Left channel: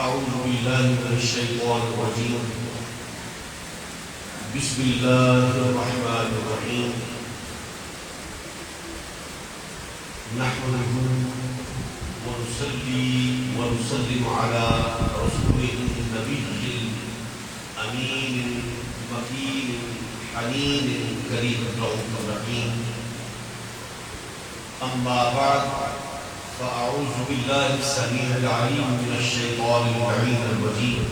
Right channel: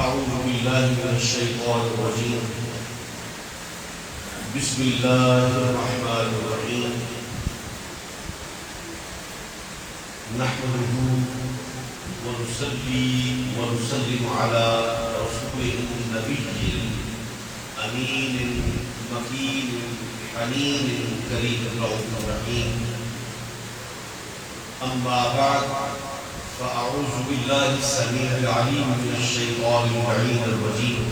أعوذ بالله من الشيطان الرجيم. بسم الله الرحمن الرحيم. نحمده ونصلي ونسلم على رسوله النبي الأمين المكين الحنين الكريم الرؤوف الرحيم. أما بعد، فأعوذ بالله السميع العليم من الشيطان اللعين الرجيم.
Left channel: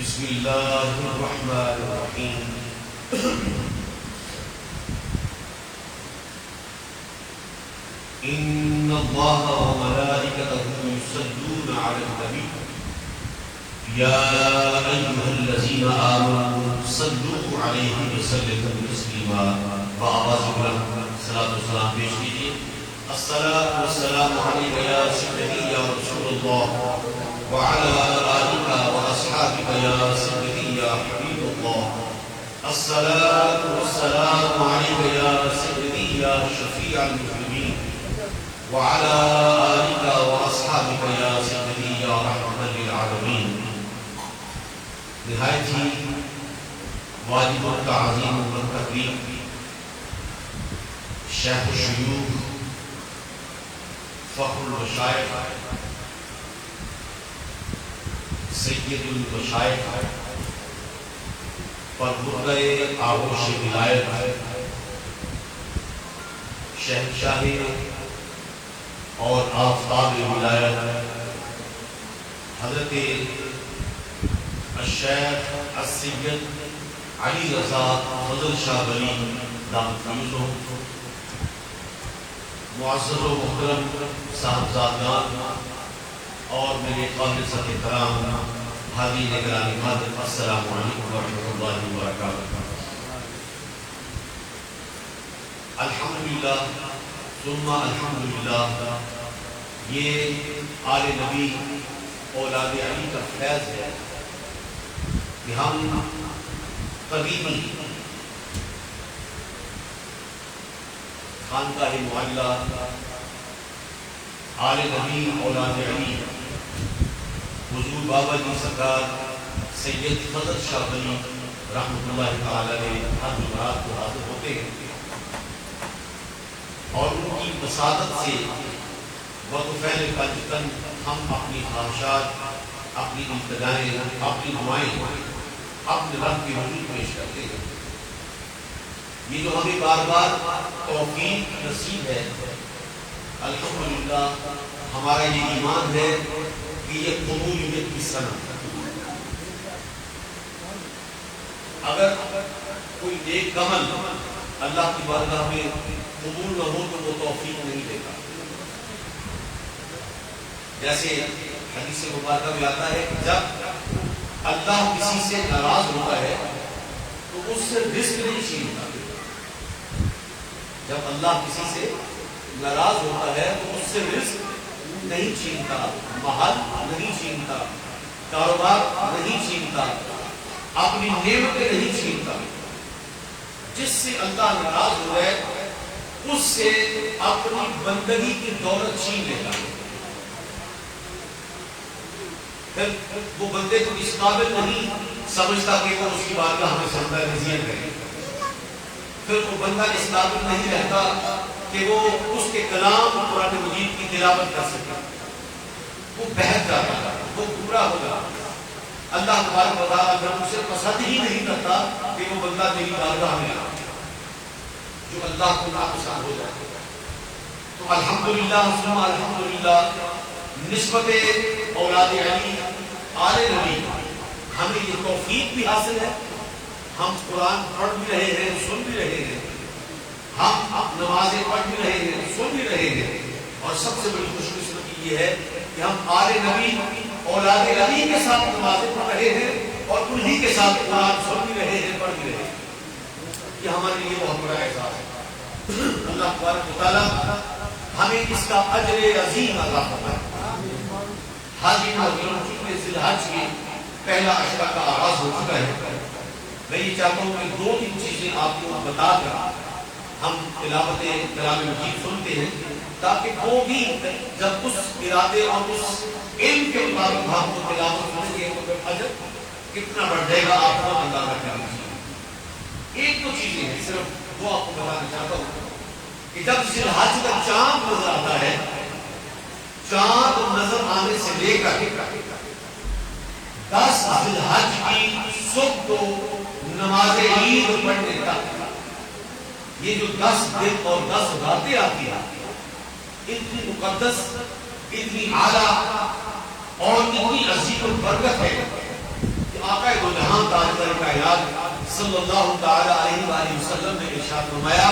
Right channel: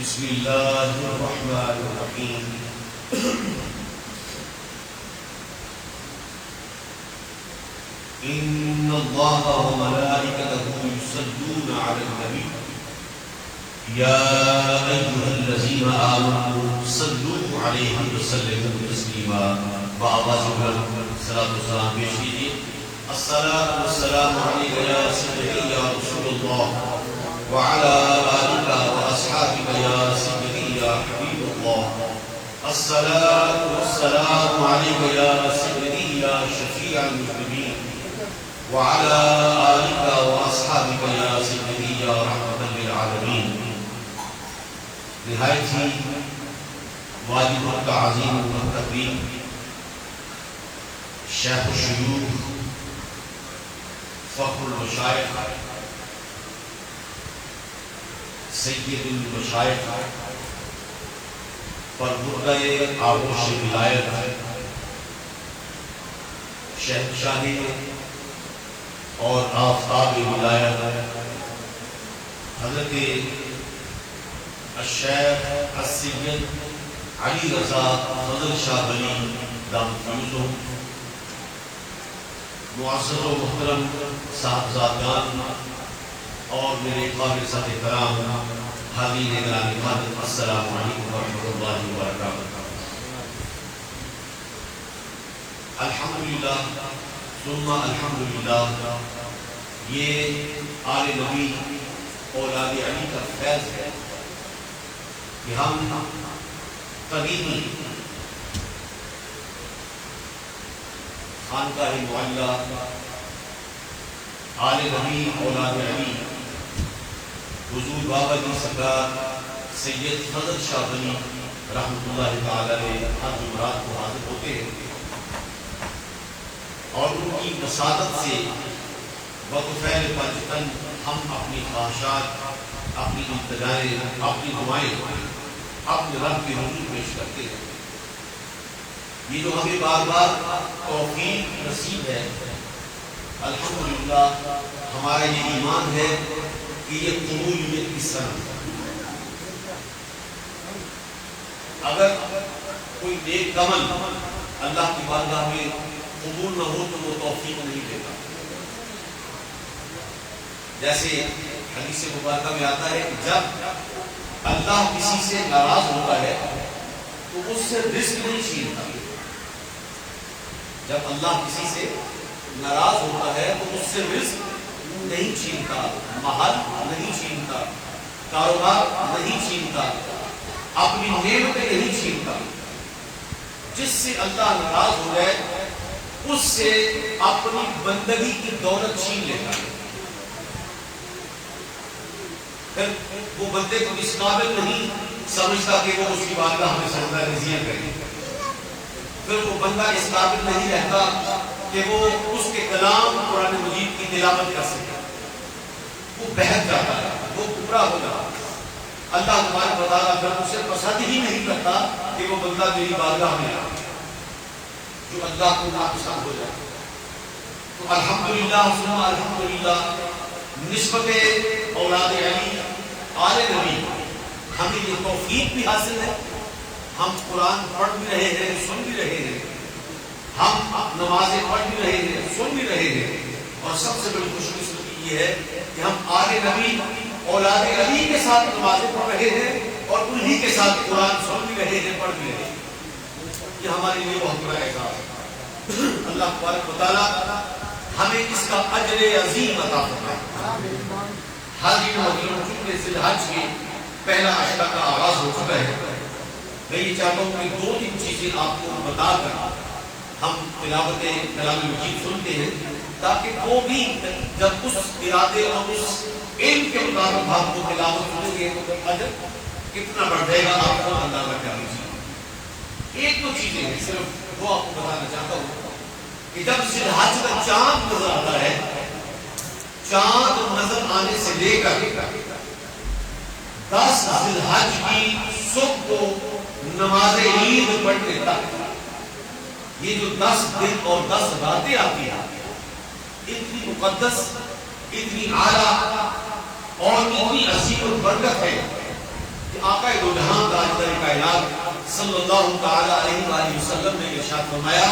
بسم الله الرحمن الرحيم. إن الله وملائكته يصلون على النبي يا أيها الذين آمنوا صلوا عليه وسلموا تسليما. وآواز بلند صلاۃ و سلام پیش کیجیے. الصلاۃ والسلام علیک یا سیدی یا رسول اللہ وعلی آلک واصحابک یا سیدی یا حبیب اللہ. الصلاۃ والسلام علیک یا سیدی یا شفیع المذنبین وعلی آلک واصحابک یا سیدی یا رحمۃ للعالمین. نہایت ہی واجبوں کا عظیم تقریم شیخ الشیوخ فخر المشائخ سید المشائخ پر مدعِ آغوش ولایت شہنشاہ اور آفتاب ولایت حضرت الشیخ السید علی رضا فضل شاہ ولی دامت فیضہ، معزز و محترم صاحبزادگان اور میرے قابل ذات کرام حاضرین گرامی قدر، السلام علیکم ورحمۃ اللہ وبرکاتہ. الحمدللہ ثم الحمدللہ، یہ آل نبی اولاد علی کا فیض ہے کہ ہم قدیمی خانقاہ معلیٰ آل نبی اولاد علی حضور بابا جی سرکار سید فضل شاہ ولی رحمۃ اللہ تعالی علیہ ہر جمعرات کو حاضر ہوتے ہیں اور ان کی مساعدت سے وقفین پنجتن ہم اپنی خواہشات، اپنی ابتدائیں، اپنی دعائیں اپنے رب کے حضور پیش کرتے ہیں. یہ جو ہمیں بار بار توفیق نصیب ہے، الحمدللہ ہمارا یہ ایمان ہے کہ یہ قبولیت کی صنعت. اگر کوئی نیک عمل اللہ کی بارگاہ میں قبول نہ ہو تو وہ توفیق نہیں دیتا. جیسے حدیث مبارکہ میں آتا ہے کہ جب اللہ کسی سے ناراض ہوتا ہے تو اس سے رزق نہیں چھینتا. جب اللہ کسی سے ناراض ہوتا ہے تو اس سے رزق نہیں چھینتا، محل نہیں چھینتا، کاروبار نہیں چھینتا، اپنی نعمتیں نہیں چھینتا. جس سے اللہ ناراض ہو جائے اس سے اپنی بندگی کی دولت چھین لیتا ہے. پھر وہ بندے کو اس قابل نہیں سمجھتا کہ وہ اس کی بارگاہ ہمیں سجدہ نذیر کرے. پھر وہ بندہ اس قابل نہیں رہتا کہ وہ اس کے کلام قرآن مجید کی تلاوت کر سکے. وہ بہت جاتا ہے، وہ گمراہ ہو جاتا ہے. اللہ تبارک و تعالیٰ اگر اسے پسند ہی نہیں کرتا کہ وہ بندہ میری بارگاہ میں آئے جو اللہ کو ناپسند ہو جائے. تو الحمدللہ ثم الحمدللہ نسبت اولاد علی آل نبی ہمیں یہ توفیق بھی حاصل ہے. ہم قرآن پڑھ بھی رہے ہیں، سن بھی رہے ہیں، ہم نمازیں پڑھ بھی رہے ہیں، سن بھی رہے ہیں، اور سب سے بڑی خوش قسمتی یہ ہے کہ ہم آل نبی اولاد علی کے ساتھ نمازیں پڑھ رہے ہیں اور انہی کے ساتھ قرآن سن بھی رہے ہیں، پڑھ بھی رہے ہیں. یہ ہمارے لیے بہت بڑا اعزاز ہے. اللہ تبارک و تعالیٰ ہمیں اس کا اجر عظیم عطا فرمائے. حاضرین محترم، چونکہ ذی الحج کی پہلا عشرہ کا آغاز ہو چکا ہے، میں یہ چاہتا ہوں کہ 2-3 چیزیں آپ کو بتا کر ہم تلاوت کلام مجید سنتے ہیں تاکہ وہ بھی جب اس ارادے اور اس علم کے مطابق آپ کو تلاوت کریں گے تو اجر کتنا بڑھ جائے گا آپ کو اندازہ کرنا چاہیے. ایک دو چیزیں ہیں صرف وہ آپ کو بتانا چاہتا ہوں کہ جب ذی الحج کا چاند نظر آتا ہے، چاند نظر آنے سے لے کر 10 ذی الحج کی صبح کو نماز عید پڑھنے تک یہ جو 10 دن اور 10 راتیں آتی ہیں، اتنی مقدس، اتنی اعلیٰ اور اتنی عظیم البرکت ہے کہ آقا دو جہاں تاجدار کائنات صلی اللہ تعالی علیہ وآلہ وسلم نے ارشاد فرمایا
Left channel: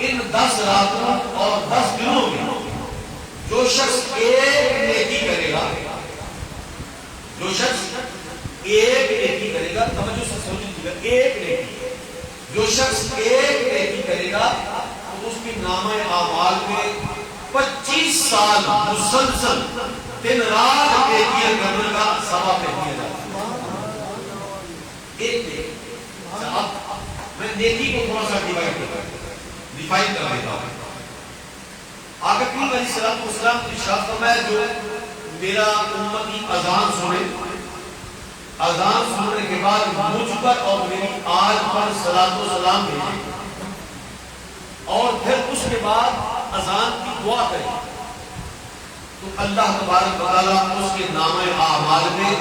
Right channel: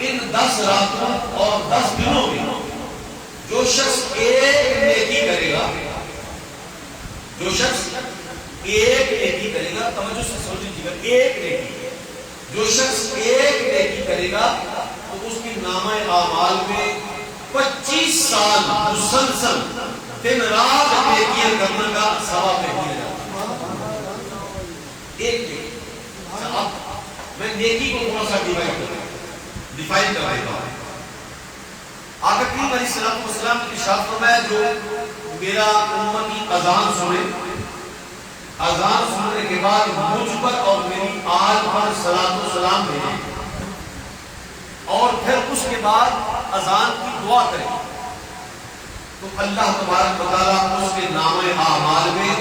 ان 10 راتوں اور 10 دنوں میں جو شخص ایک نیکی کرے گا، جو شخص ایک نیکی کرے گا، توجہ سے سن لیجیے گا، ایک نیکی، جو شخص ایک نیکی کرے گا تو اس کی نامہ اعمال میں 25 سال مسلسل دن رات نیکیاں کرنے کا ثواب دیا جاتا ہے. ایک نیکی. اب میں نیکی کو تھوڑا سا ڈیفائن کر رہا ہوں. آقا کریم علیہ الصلوۃ والسلام نے ارشاد فرمایا جو میرا امتی اذان سنے، اذان سننے کے بعد مجھ پر اور میری آل پر صلاۃ و سلام بھیجے اور پھر اس کے بعد اذان کی دعا کرے تو اللہ تبارک و تعالیٰ اس کے نامہ اعمال میں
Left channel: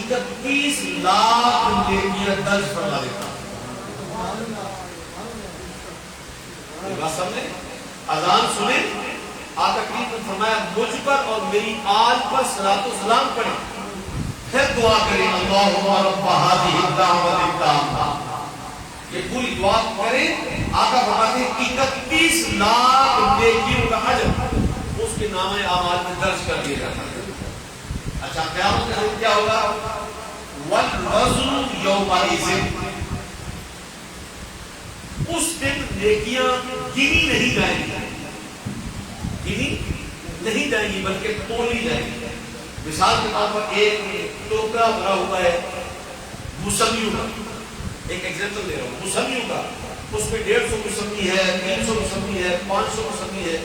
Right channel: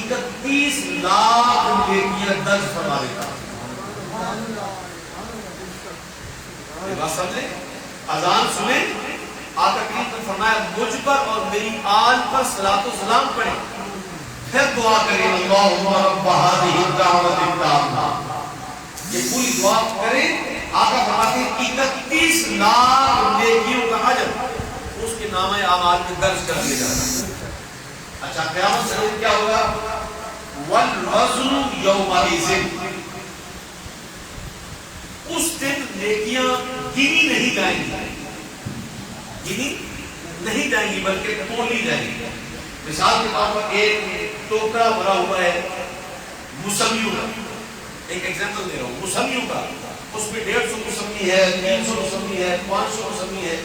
31 لاکھ نیکیاں درج فرما دیتا ہے. یہ بات سمجھے؟ اذان سنے، آقا کریم نے فرمایا مجھ پر اور میری آل پر صلاۃ و سلام پڑھیں، پھر دعا کریں اللہم رب ہذہ الدعوۃ التامہ، یہ پوری دعا کریں. آقا فرماتے ہیں 31 لاکھ نیکیوں کا اجر اس کے نامہ اعمال میں درج کر دیا جاتا ہے. اچھا قیامت سے کیا ہوگا؟ والوزن یومئذ، اس دن نیکیاں گنی نہیں جائیں گی، گنی نہیں جائیں گی بلکہ تولی جائیں گی. مثال کے طور پر ایک ٹوکرا بھرا ہوا ہے موسمیوں کا، ایک ایگزامپل دے رہا ہوں، موسمیوں کا، اس میں 150 موسمی ہے، 300 موسمی ہے، 500 موسمی ہے،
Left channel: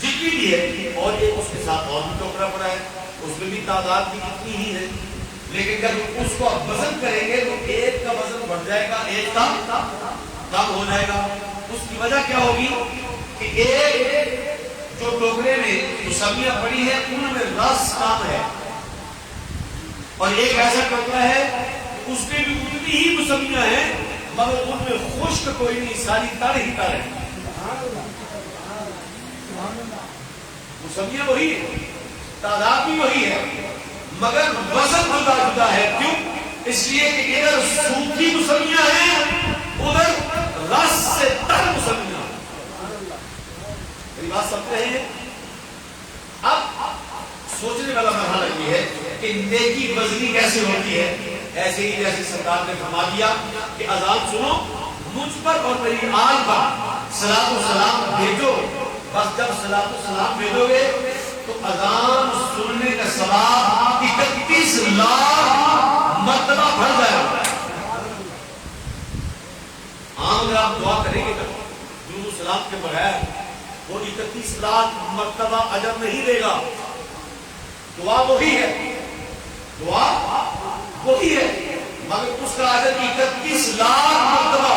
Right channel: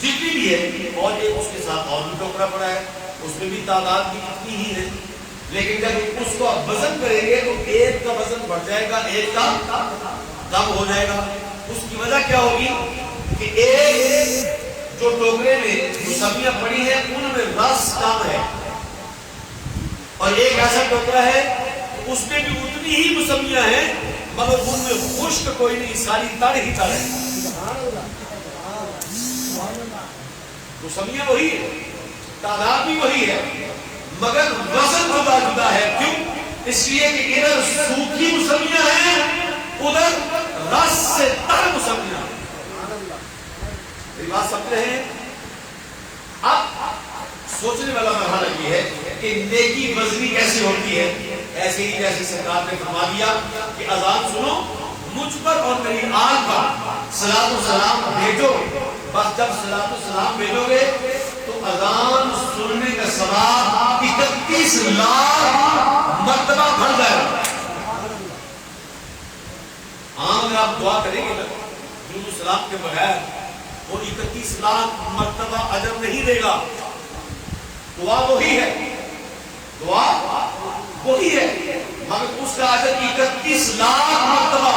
جتنی بھی ہے، اور ایک اس کے ساتھ اور بھی ٹوکرا پڑا ہے، اس میں بھی تعداد بھی اتنی ہی ہے. لیکن جب اس کو آپ وزن کریں گے تو ایک کا وزن بڑھ جائے گا، ایک کا کم ہو جائے گا. اس کی وجہ کیا ہوگی کہ ایک جو ٹوکرے میں موسمیاں پڑی ہیں ان میں رس کام ہے، اور ایک ایسا ٹوکرا ہے اس میں بھی اتنی ہی موسمیاں ہیں مگر ان میں خشک کوئی نہیں، ساری تڑ ہی تڑ ہے. موسمیاں وہی ہے، تعداد بھی وہی ہے، مگر وزن جدا جدا ہے. کیوں؟ اس لیے کہ ادھر سوکھی موسمیاں ہیں، ادھر رس سے تر موسمیاں. میری بات سمجھ رہے ہیں؟ اب سوچنے والا مرحلہ یہ ہے کہ نیکی وزنی کیسے ہوتی ہے. ایسے ہی جیسے سرکار نے فرما دیا کہ اذان سنو، مجھ پر اور میری آل پر صلاۃ و سلام بھیجو. بس جب صلاۃ و سلام بھیجو گے تو اذان سننے کا ثواب 31 لاکھ مرتبہ بڑھ جائے گا. اگر آپ دعا کریں گے نا درود و سلام کے بغیر وہ 31 لاکھ مرتبہ اجر نہیں دے گا. دعا وہی ہے، دعا وہی ہے، مگر اس کا اجر 31 لاکھ مرتبہ،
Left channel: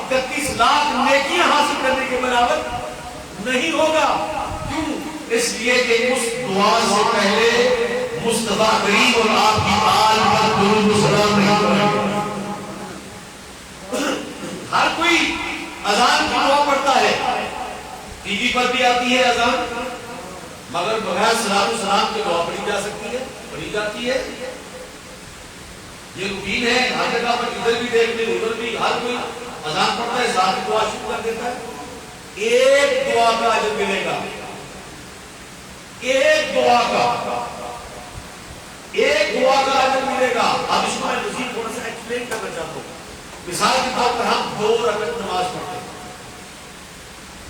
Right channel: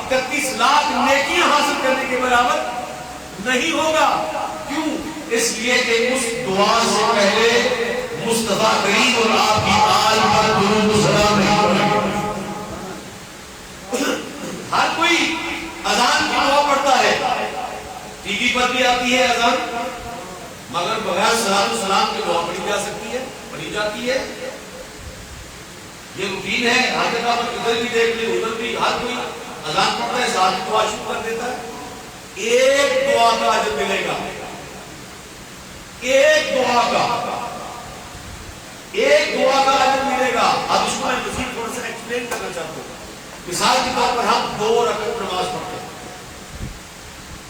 31 لاکھ نیکیاں حاصل کرنے کے برابر نہیں ہوگا. کیوں؟ اس لیے کہ اس دعا سے پہلے مصطفیٰ کریم اور آپ کی آل پر درود و سلام نہیں پڑھیں. ہر کوئی اذان کی دعا پڑھتا ہے، ٹی وی پر بھی آتی ہے اذان، مگر بغیر صلاۃ و سلام کی دعا پڑھی جا سکتی ہے، پڑھی جاتی ہے. یہ روٹین ہے، حاجت آباد ادھر بھی دیکھ لیں ادھر بھی، ہر کوئی اذان پڑھتا ہے ساتھ دعا شروع کر دیتا ہے. ایک دعا کا اجر ملے گا، ایک دعا کا اجر ملے گا. اب اس کو میں مزید تھوڑا سا ایکسپلین کرنا چاہتا ہوں. مثال کے طور پر ہم 2 رکعت نماز پڑھتے ہیں،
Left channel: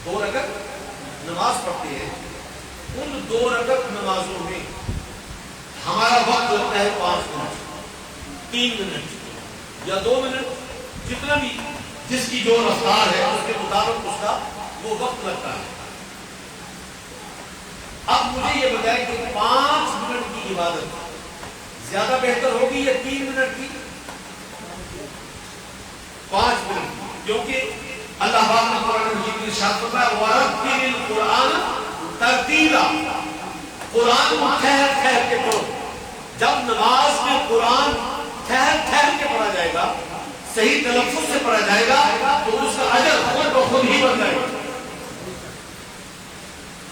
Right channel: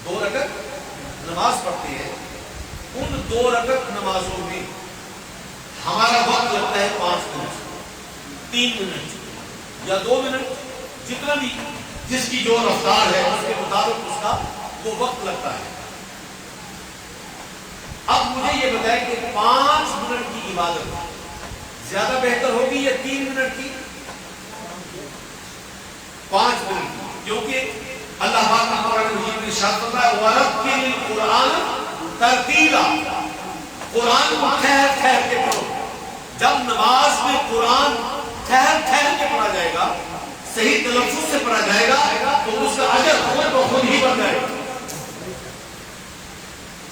2 رکعت نماز پڑھتے ہیں. ان 2 رکعت نمازوں میں ہمارا وقت لگتا ہے 5 منٹ، 3 منٹ یا 2 منٹ، جتنا بھی جس کی جو رفتار ہے اس کے مطابق اس کا وہ وقت لگتا ہے. اب مجھے یہ بتائیں کہ 5 منٹ کی عبادت زیادہ بہتر ہوگی یا 3 منٹ کی؟ 5 منٹ کی، کیونکہ اللہ پاک نے قرآن مجید میں ارشاد فرمایا وَرَتِّلِ الْقُرْآنَ تَرْتِيلًا، قرآن کو ٹھہر ٹھہر کے پڑھو۔ جب نماز میں قرآن ٹھہر ٹھہر کے پڑھا جائے گا، صحیح تلفظ سے پڑھا جائے گا، تو اس کا اجر خود بخود ہی بن جائے گا۔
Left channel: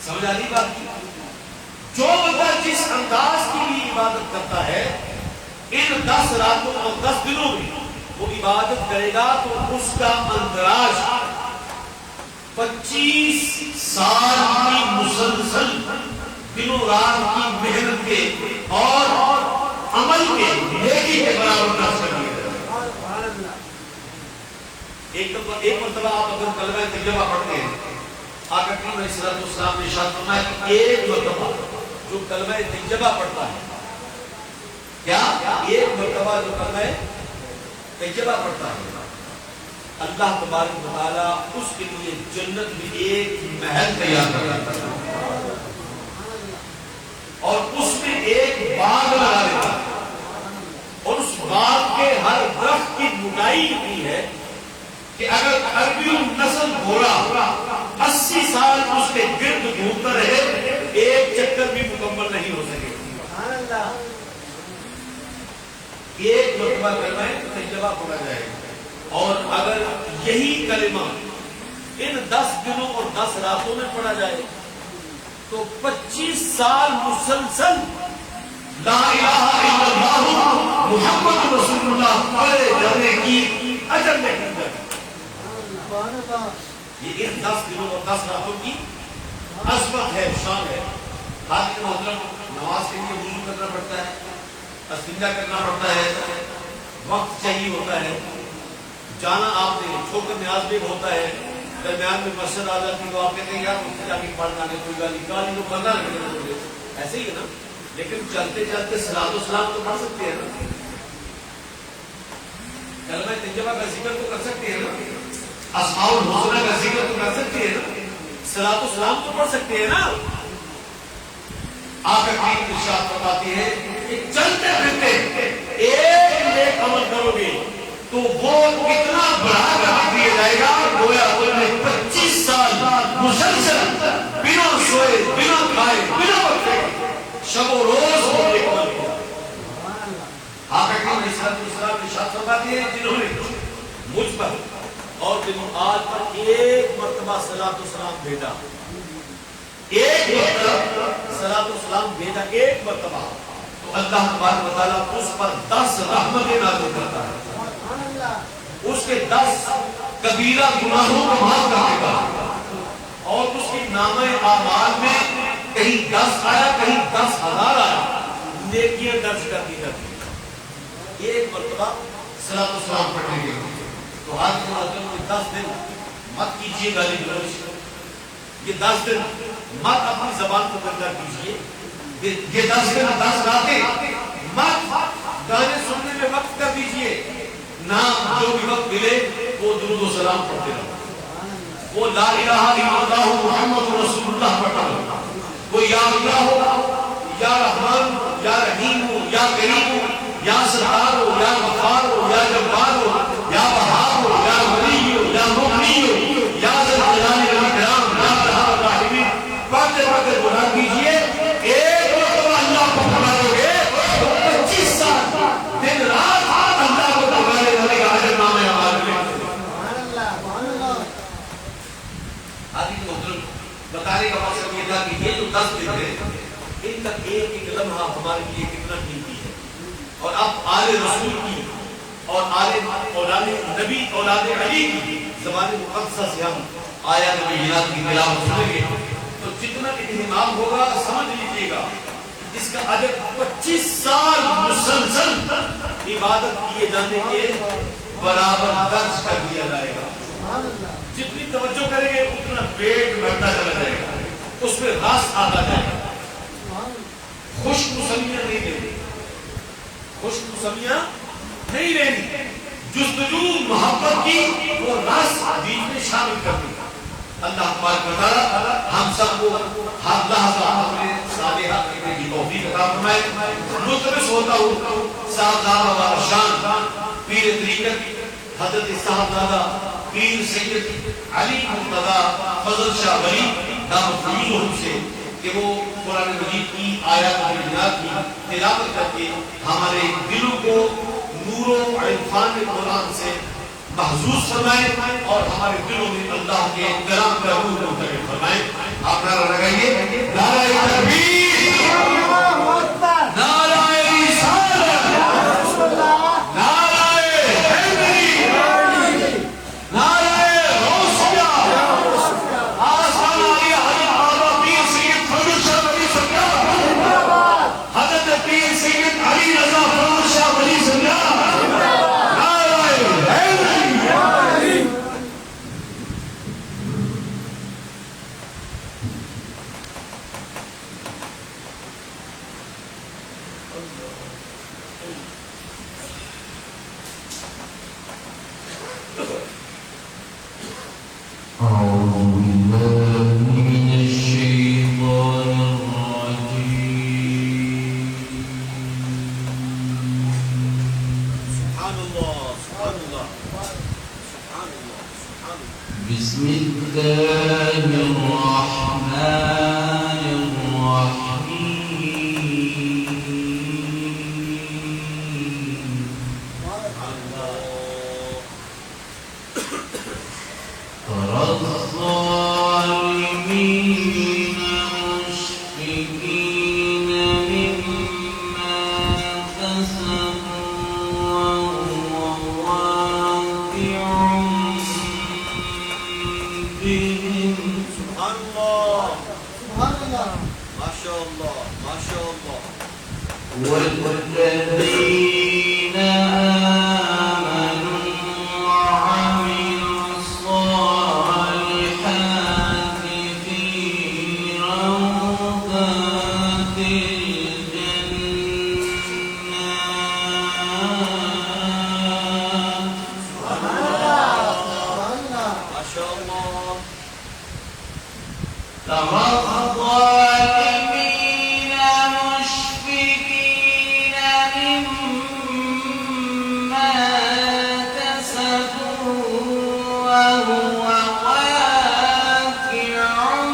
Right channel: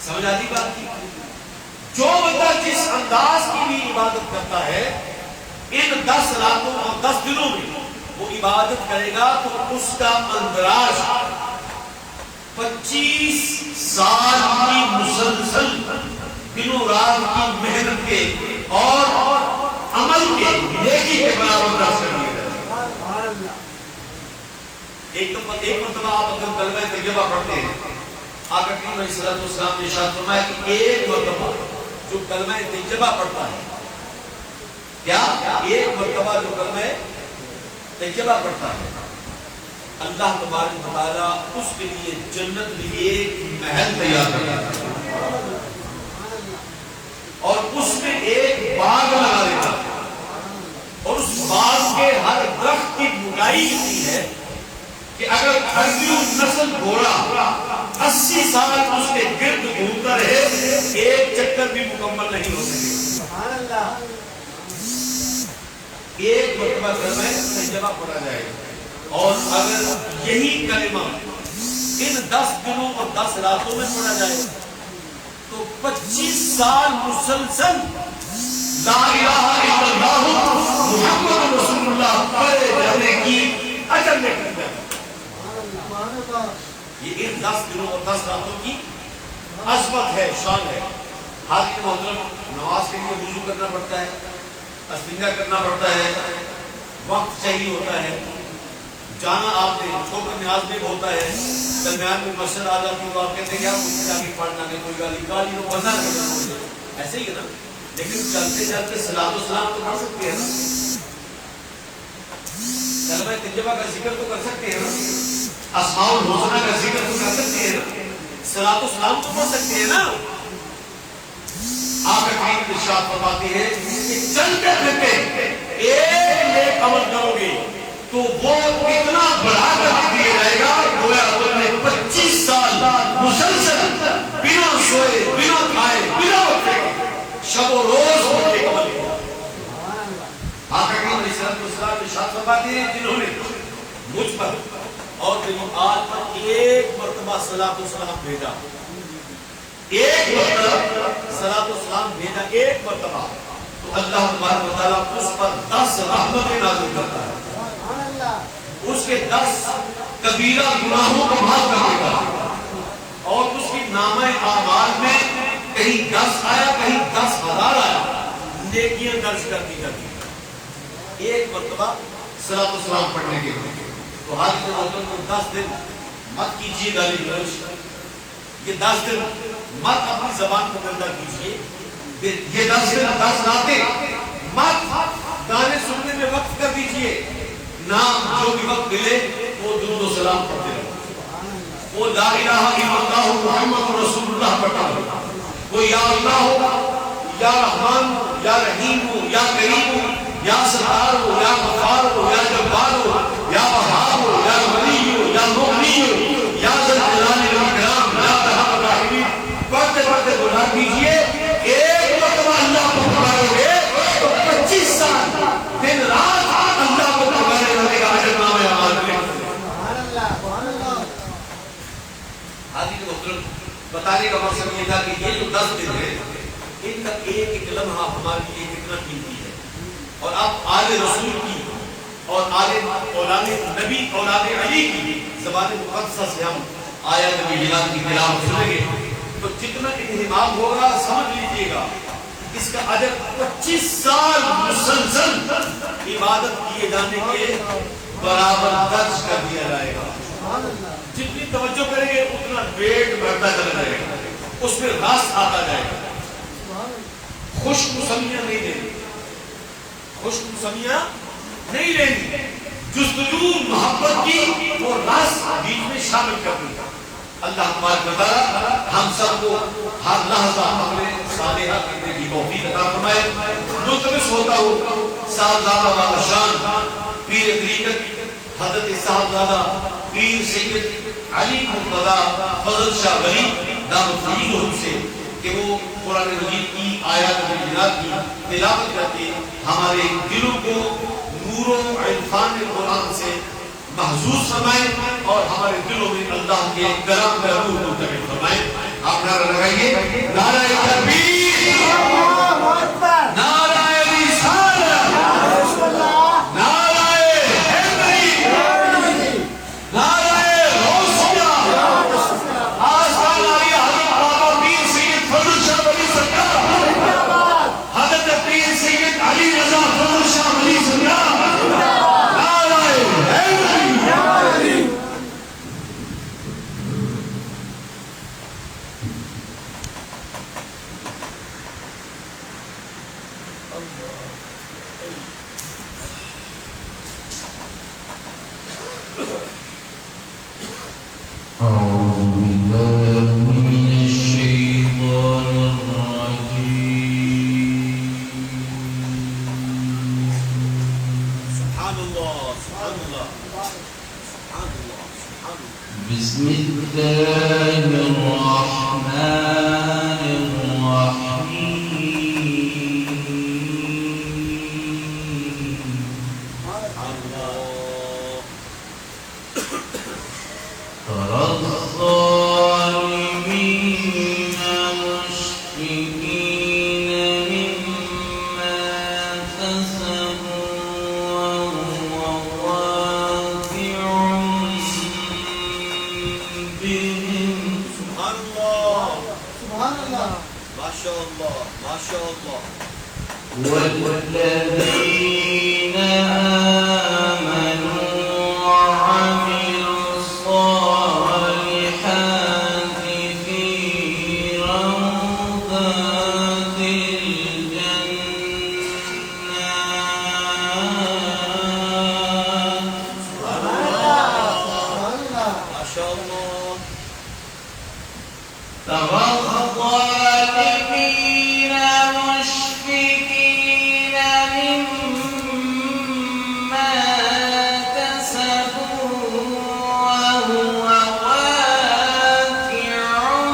سمجھ آتی بات کی؟ جو بندہ جس انداز کی بھی عبادت کرتا ہے ان 10 راتوں اور 10 دنوں میں وہ عبادت کرے گا تو اس کا اندراج 25 سال کی مسلسل دنوں رات کی محنت کے اور عمل کے نیکی کے برابر کر سکے گا۔ ایک مرتبہ آپ اگر کلمہ طیبہ پڑھتے ہیں، آقا کریم علیہ الصلوۃ والسلام نے ارشاد فرمایا کہ ایک مرتبہ جو کلمہ طیبہ پڑھتا ہے، کیا ایک مرتبہ جو کلمہ طیبہ پڑھتا ہے، اللہ تبارک و تعالیٰ اس کے لیے جنت میں ایک محل تیار کرتا ہے اور اس میں ایک باغ لگا دیتا ہے، اور اس باغ کے ہر درخت کی موٹائی اتنی ہے کہ اگر عربی نسل گھوڑا 80 سال اس کے گرد گھومتا رہے ایک چکر بھی مکمل نہیں ہو سکے۔ ایک مرتبہ کلمہ طیبہ پڑھا جائے گا، اور اگر یہی کلمہ ان 10 دنوں اور 10 راتوں میں پڑھا جائے تو 25 سال مسلسل لا الہ الا اللہ محمد رسول اللہ پڑھے جانے کی اجر میں ہے۔ یہ ان 10 دنوں اور 10 راتوں کی عظمت ہے، شان ہے۔ حاضر محترم، نماز کے لیے وضو کرنا پڑتا ہے، استنجا کرنا پڑتا ہے، وقت چاہیے ہوتا ہے، جانا آپ نے چھوٹا نیاز بھی ہوتا ہے، درمیان میں مسجد آ جاتی تو آپ کہتے ہیں یار اس جا کے پڑھنا ہے، کوئی گالی لوگ بندہ نہیں، ایسے ہی ہے نا۔ لیکن چلتے چلتے صلاۃ و سلام تو پڑھ سکتے ہیں نا، کلمہ طیبہ کا ذکر تو کر سکتے ہیں نا، اسماء الحسنی کا ذکر تو کر سکتے ہیں نا، صلاۃ و سلام تو پڑھ سکتے ہیں نا۔ آپ کا ٹائم ارشاد فرماتے ہیں کہ چلتے پھرتے ایک نیک عمل کرو گے تو وہ اتنا بڑھا کر دیا جائے گا گویا تم نے 25 سال مسلسل بنا سوئے، بنا کھائے، بنا وقفے شب و روز وہ نیک عمل کیا۔ آپ کا ٹائم ارشاد فرماتے ہیں جنہوں نے مجھ پر اور میری آل پر ایک مرتبہ صلاۃ و سلام بھیجا، ایک مرتبہ صلاۃ و سلام بھیجا، ایک مرتبہ، تو اللہ تبارک و تعالیٰ اس پر 10 رحمتیں نازل کرتا ہے، اس کے 10 کبیرہ گناہوں کو معاف کر دے گا، اور اس کی نامہ اعمال میں کہیں 10 آیا، کہیں 10,000 آیا، نیکیاں درج کرتی کرتی ایک مرتبہ صلاۃ و سلام پڑھنے کے لیے۔ تو حال کے محترم کو 10 دن مت کیجیے گالی گلوچ، یہ 10 دن مت اپنی زبان کو گندا کیجیے، یہ 10 دن 10 راتیں مت گانے سننے میں وقت کر دیجیے، نہ جو بھی وقت ملے وہ درود و سلام پڑھتے رہو، وہ لا الہ الا اللہ محمد رسول اللہ پڑھتا رہو، وہ یا اللہ ہو، یا رحمان ہو، یا رحیم ہو، یا کریم ہو، یا ستار ہو، یا غفار ہو، یا جبار ہو، یا وہاب ہو، یا ولی ہو، یا مغنی ہو، یا ذل جلال والاکرام، یا ارحم الراحمین، پڑھتے پڑھتے گناہ کیجیے، ایک مرتبہ اللہ کو پکارو گے تو 25 سال دن رات اللہ کو پکارے والے کا اجر نامہ اعمال میں۔ حاضرین محترم، بتانے کا مقصد یہ تھا کہ یہ جو 10 دن ہے ان کا ایک ایک لمحہ ہمارے لیے کتنا قیمتی ہے، اور اب آل رسول کی اور آل اولاد نبی اولاد علی کی زبان مقدسہ سے ہم آیات نبیات کی تلاوت سنیں گے تو جتنا اہتمام ہوگا سمجھ لیجیے گا اس کا اجر 25 سال مسلسل عبادت کیے جانے کے برابر درج کر دیا جائے گا۔ جتنی توجہ کریں گے اتنا پیٹ بڑھتا چلا جائے گا، اس میں رس آتا جائے گا۔ خوش موسمیاں نہیں لینی، خوش موسمیاں نہیں لینی، جستجو محبت کی وہ رس بیچ میں شامل کر دی۔ اللہ تبارک و تعالی ہم سب کو ہر لحظہ اپنے صالحہ کرنے کی توفیق عطا فرمائے. ملتمس ہوتا ہوں صاحبزادہ والا شان پیر طریقت حضرت صاحبزادہ پیر سید علی مرتضیٰ فضل شاہ ولی دامت فیضہم سے کہ وہ قرآن مجید کی آیات و بینات کی تلاوت کر کے ہمارے دلوں کو نور و عرفان قرآن سے محظوظ فرمائے اور ہمارے دلوں میں اللہ کے کلام کا روح منتقل فرمائے. آپ نعرہ لگائیے نعرہ تکبیر، نعرہ رسالت، نعرہ حیدری، نعرہ غوثیہ، آستانہ علی حضرت بابا پیر سید فضل شاہ ولی سرکار، حضرت پیر سید علی رضا فضل شاہ ولی سرکار، نعرہ حیدری. بسم الله الرحمن الرحيم. ترى الظالمين مشفقين مما كسبوا وهو واقع بهم. سبحان الله سبحان الله ما شاء الله ما شاء الله. والذين آمنوا وعملوا الصالحات في روضات الجنات. سبحان الله ما شاء الله. ترى الظالمين مشفقين مما كسبوا وهو واقع بهم.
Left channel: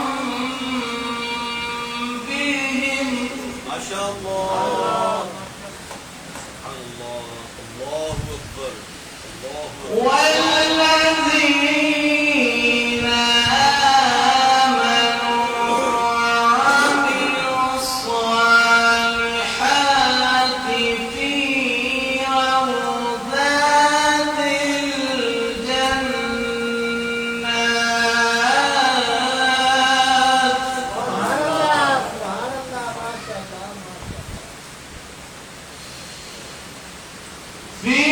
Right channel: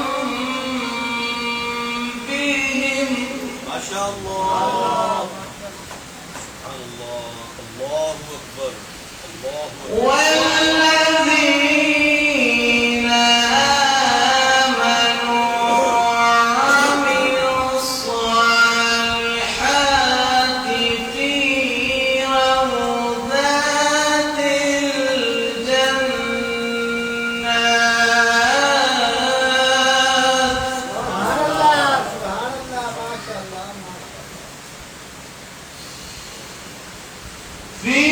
ما شاء الله. سبحان الله. الله أكبر الله أكبر. والذين آمنوا وعملوا الصالحات في روضات الجنات. في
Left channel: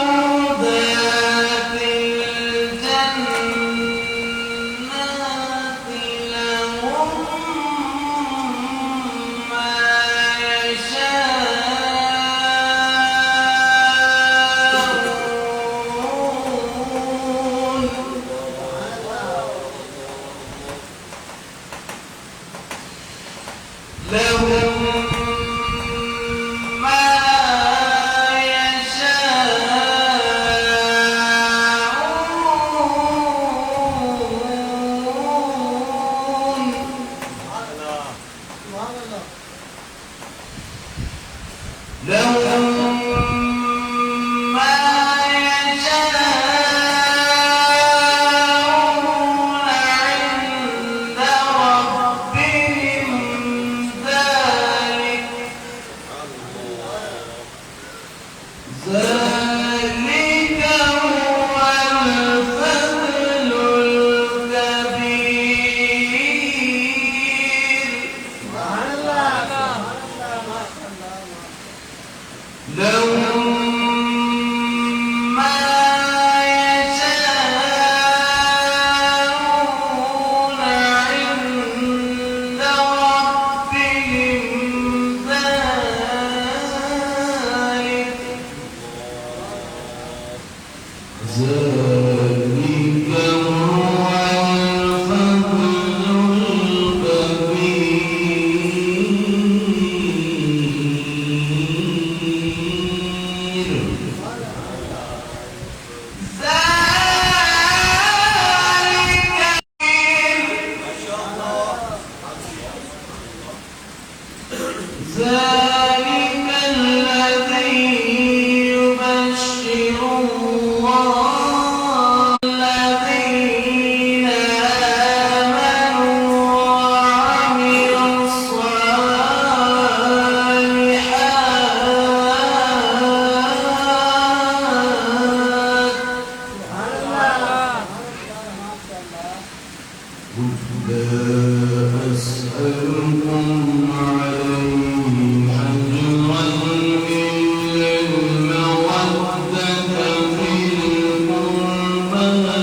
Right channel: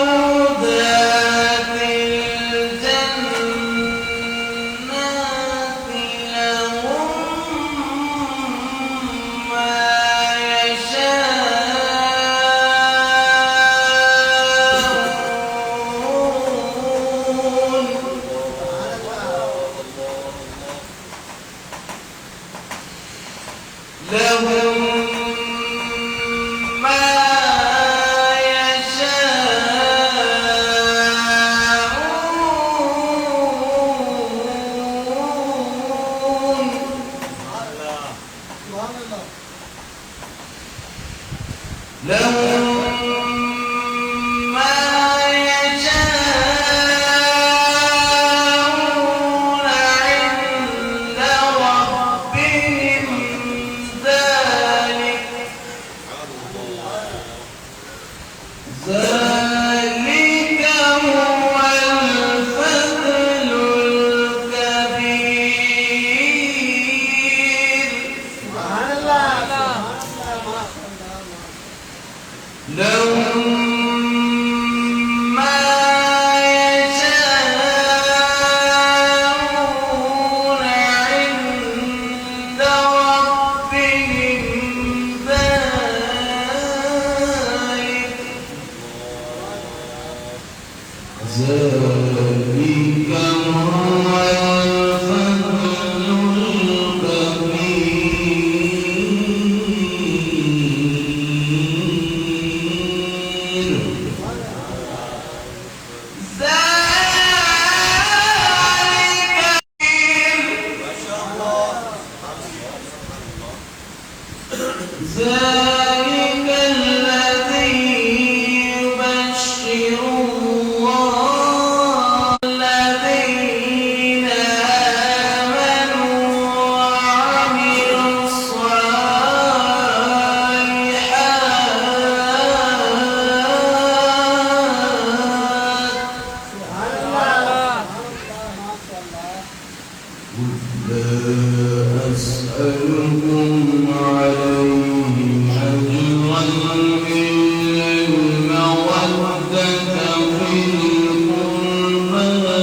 روضات الجنات لهم ما يشاءون. لهم ما يشاءون. لهم ما يشاءون عند ربهم ذلك لا أسألكم عليه أجرا إلا المودة في القربى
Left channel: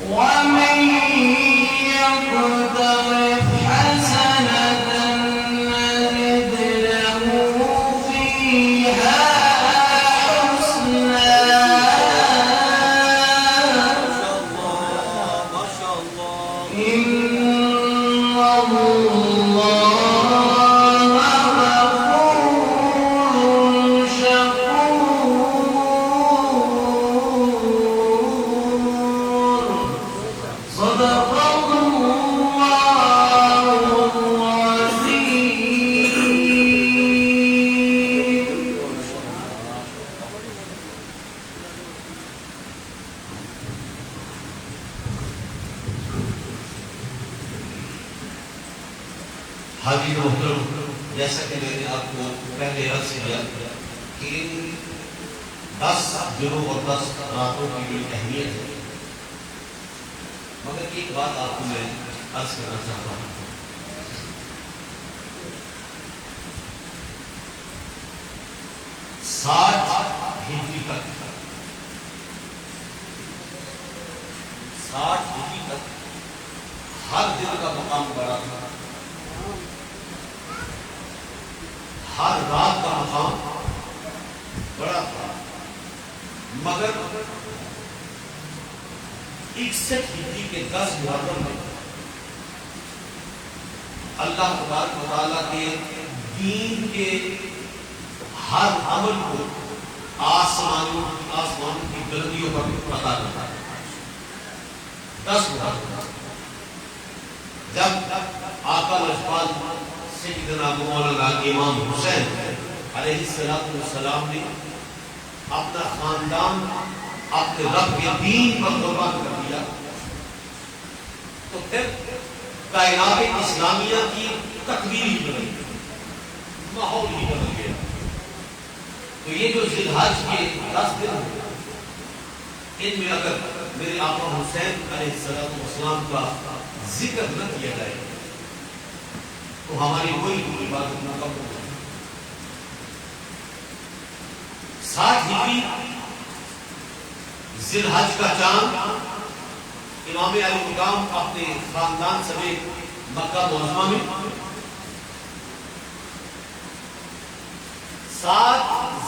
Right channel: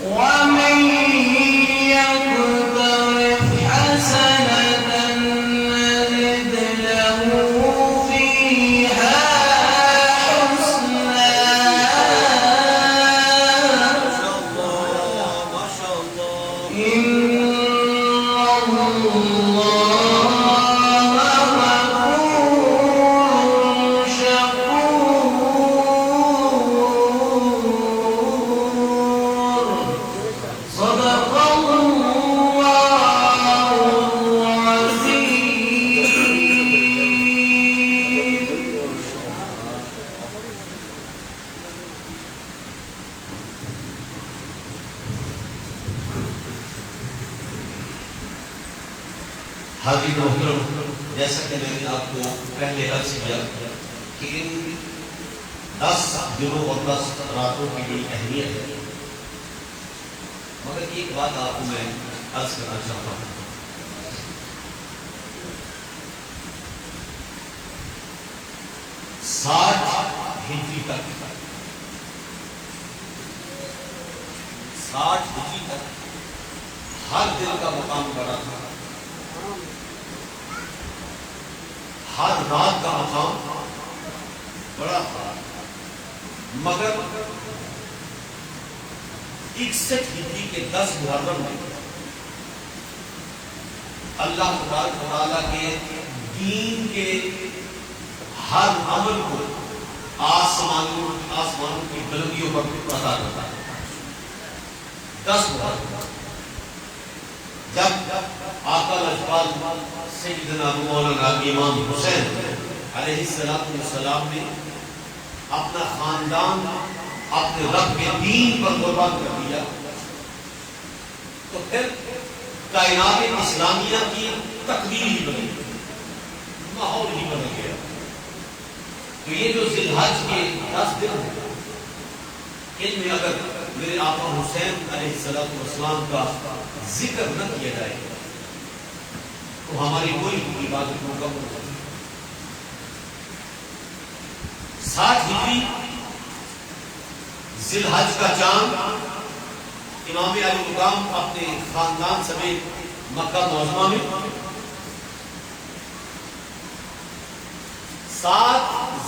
ومن يقترف حسنة نزد له فيها حسنا ما شاء الله إن الله غفور شكور صدق الله العظيم. حاضرین محترم، جیسا کہ میں نے آپ کو پہلے عرض کیا کہ ان 10 دنوں اور 10 راتوں کی بڑی اہمیت ہے، مگر ایک بات آپ کو میں عرض کرنا چاہتا ہوں. 60 ہجری تک 60 ہجری تک ہر دن کا مقام بڑا تھا، ہر رات کا مقام بڑا تھا، مگر 61 ہجری کے 10 محرم میں اللہ تبارک و تعالیٰ کے دین کے ہر عمل کو آسمانوں کی بلندیوں پر عطا کرتا ہے. 10 محرم جب آقا الاجپال سیدنا مولانا امام حسین علیہ السلام نے اپنا خاندان اپنے رب کے دین پر قربان کر دیا تو پھر کائنات اسلامیہ کی تقدیر ہی بدل گئی، ماحول ہی بدل گیا. تو یہ جو ذی الحج کے 10 دن ہیں، ان میں اگر میرے آقا حسین علیہ السلام کا ذکر نہ کیا جائے تو ہماری کوئی عبادت مکمل ہو جائے. 60 ہجری ذی الحج کا چاند امام علی مقام اپنے خاندان سمیت مکہ معظمہ میں 7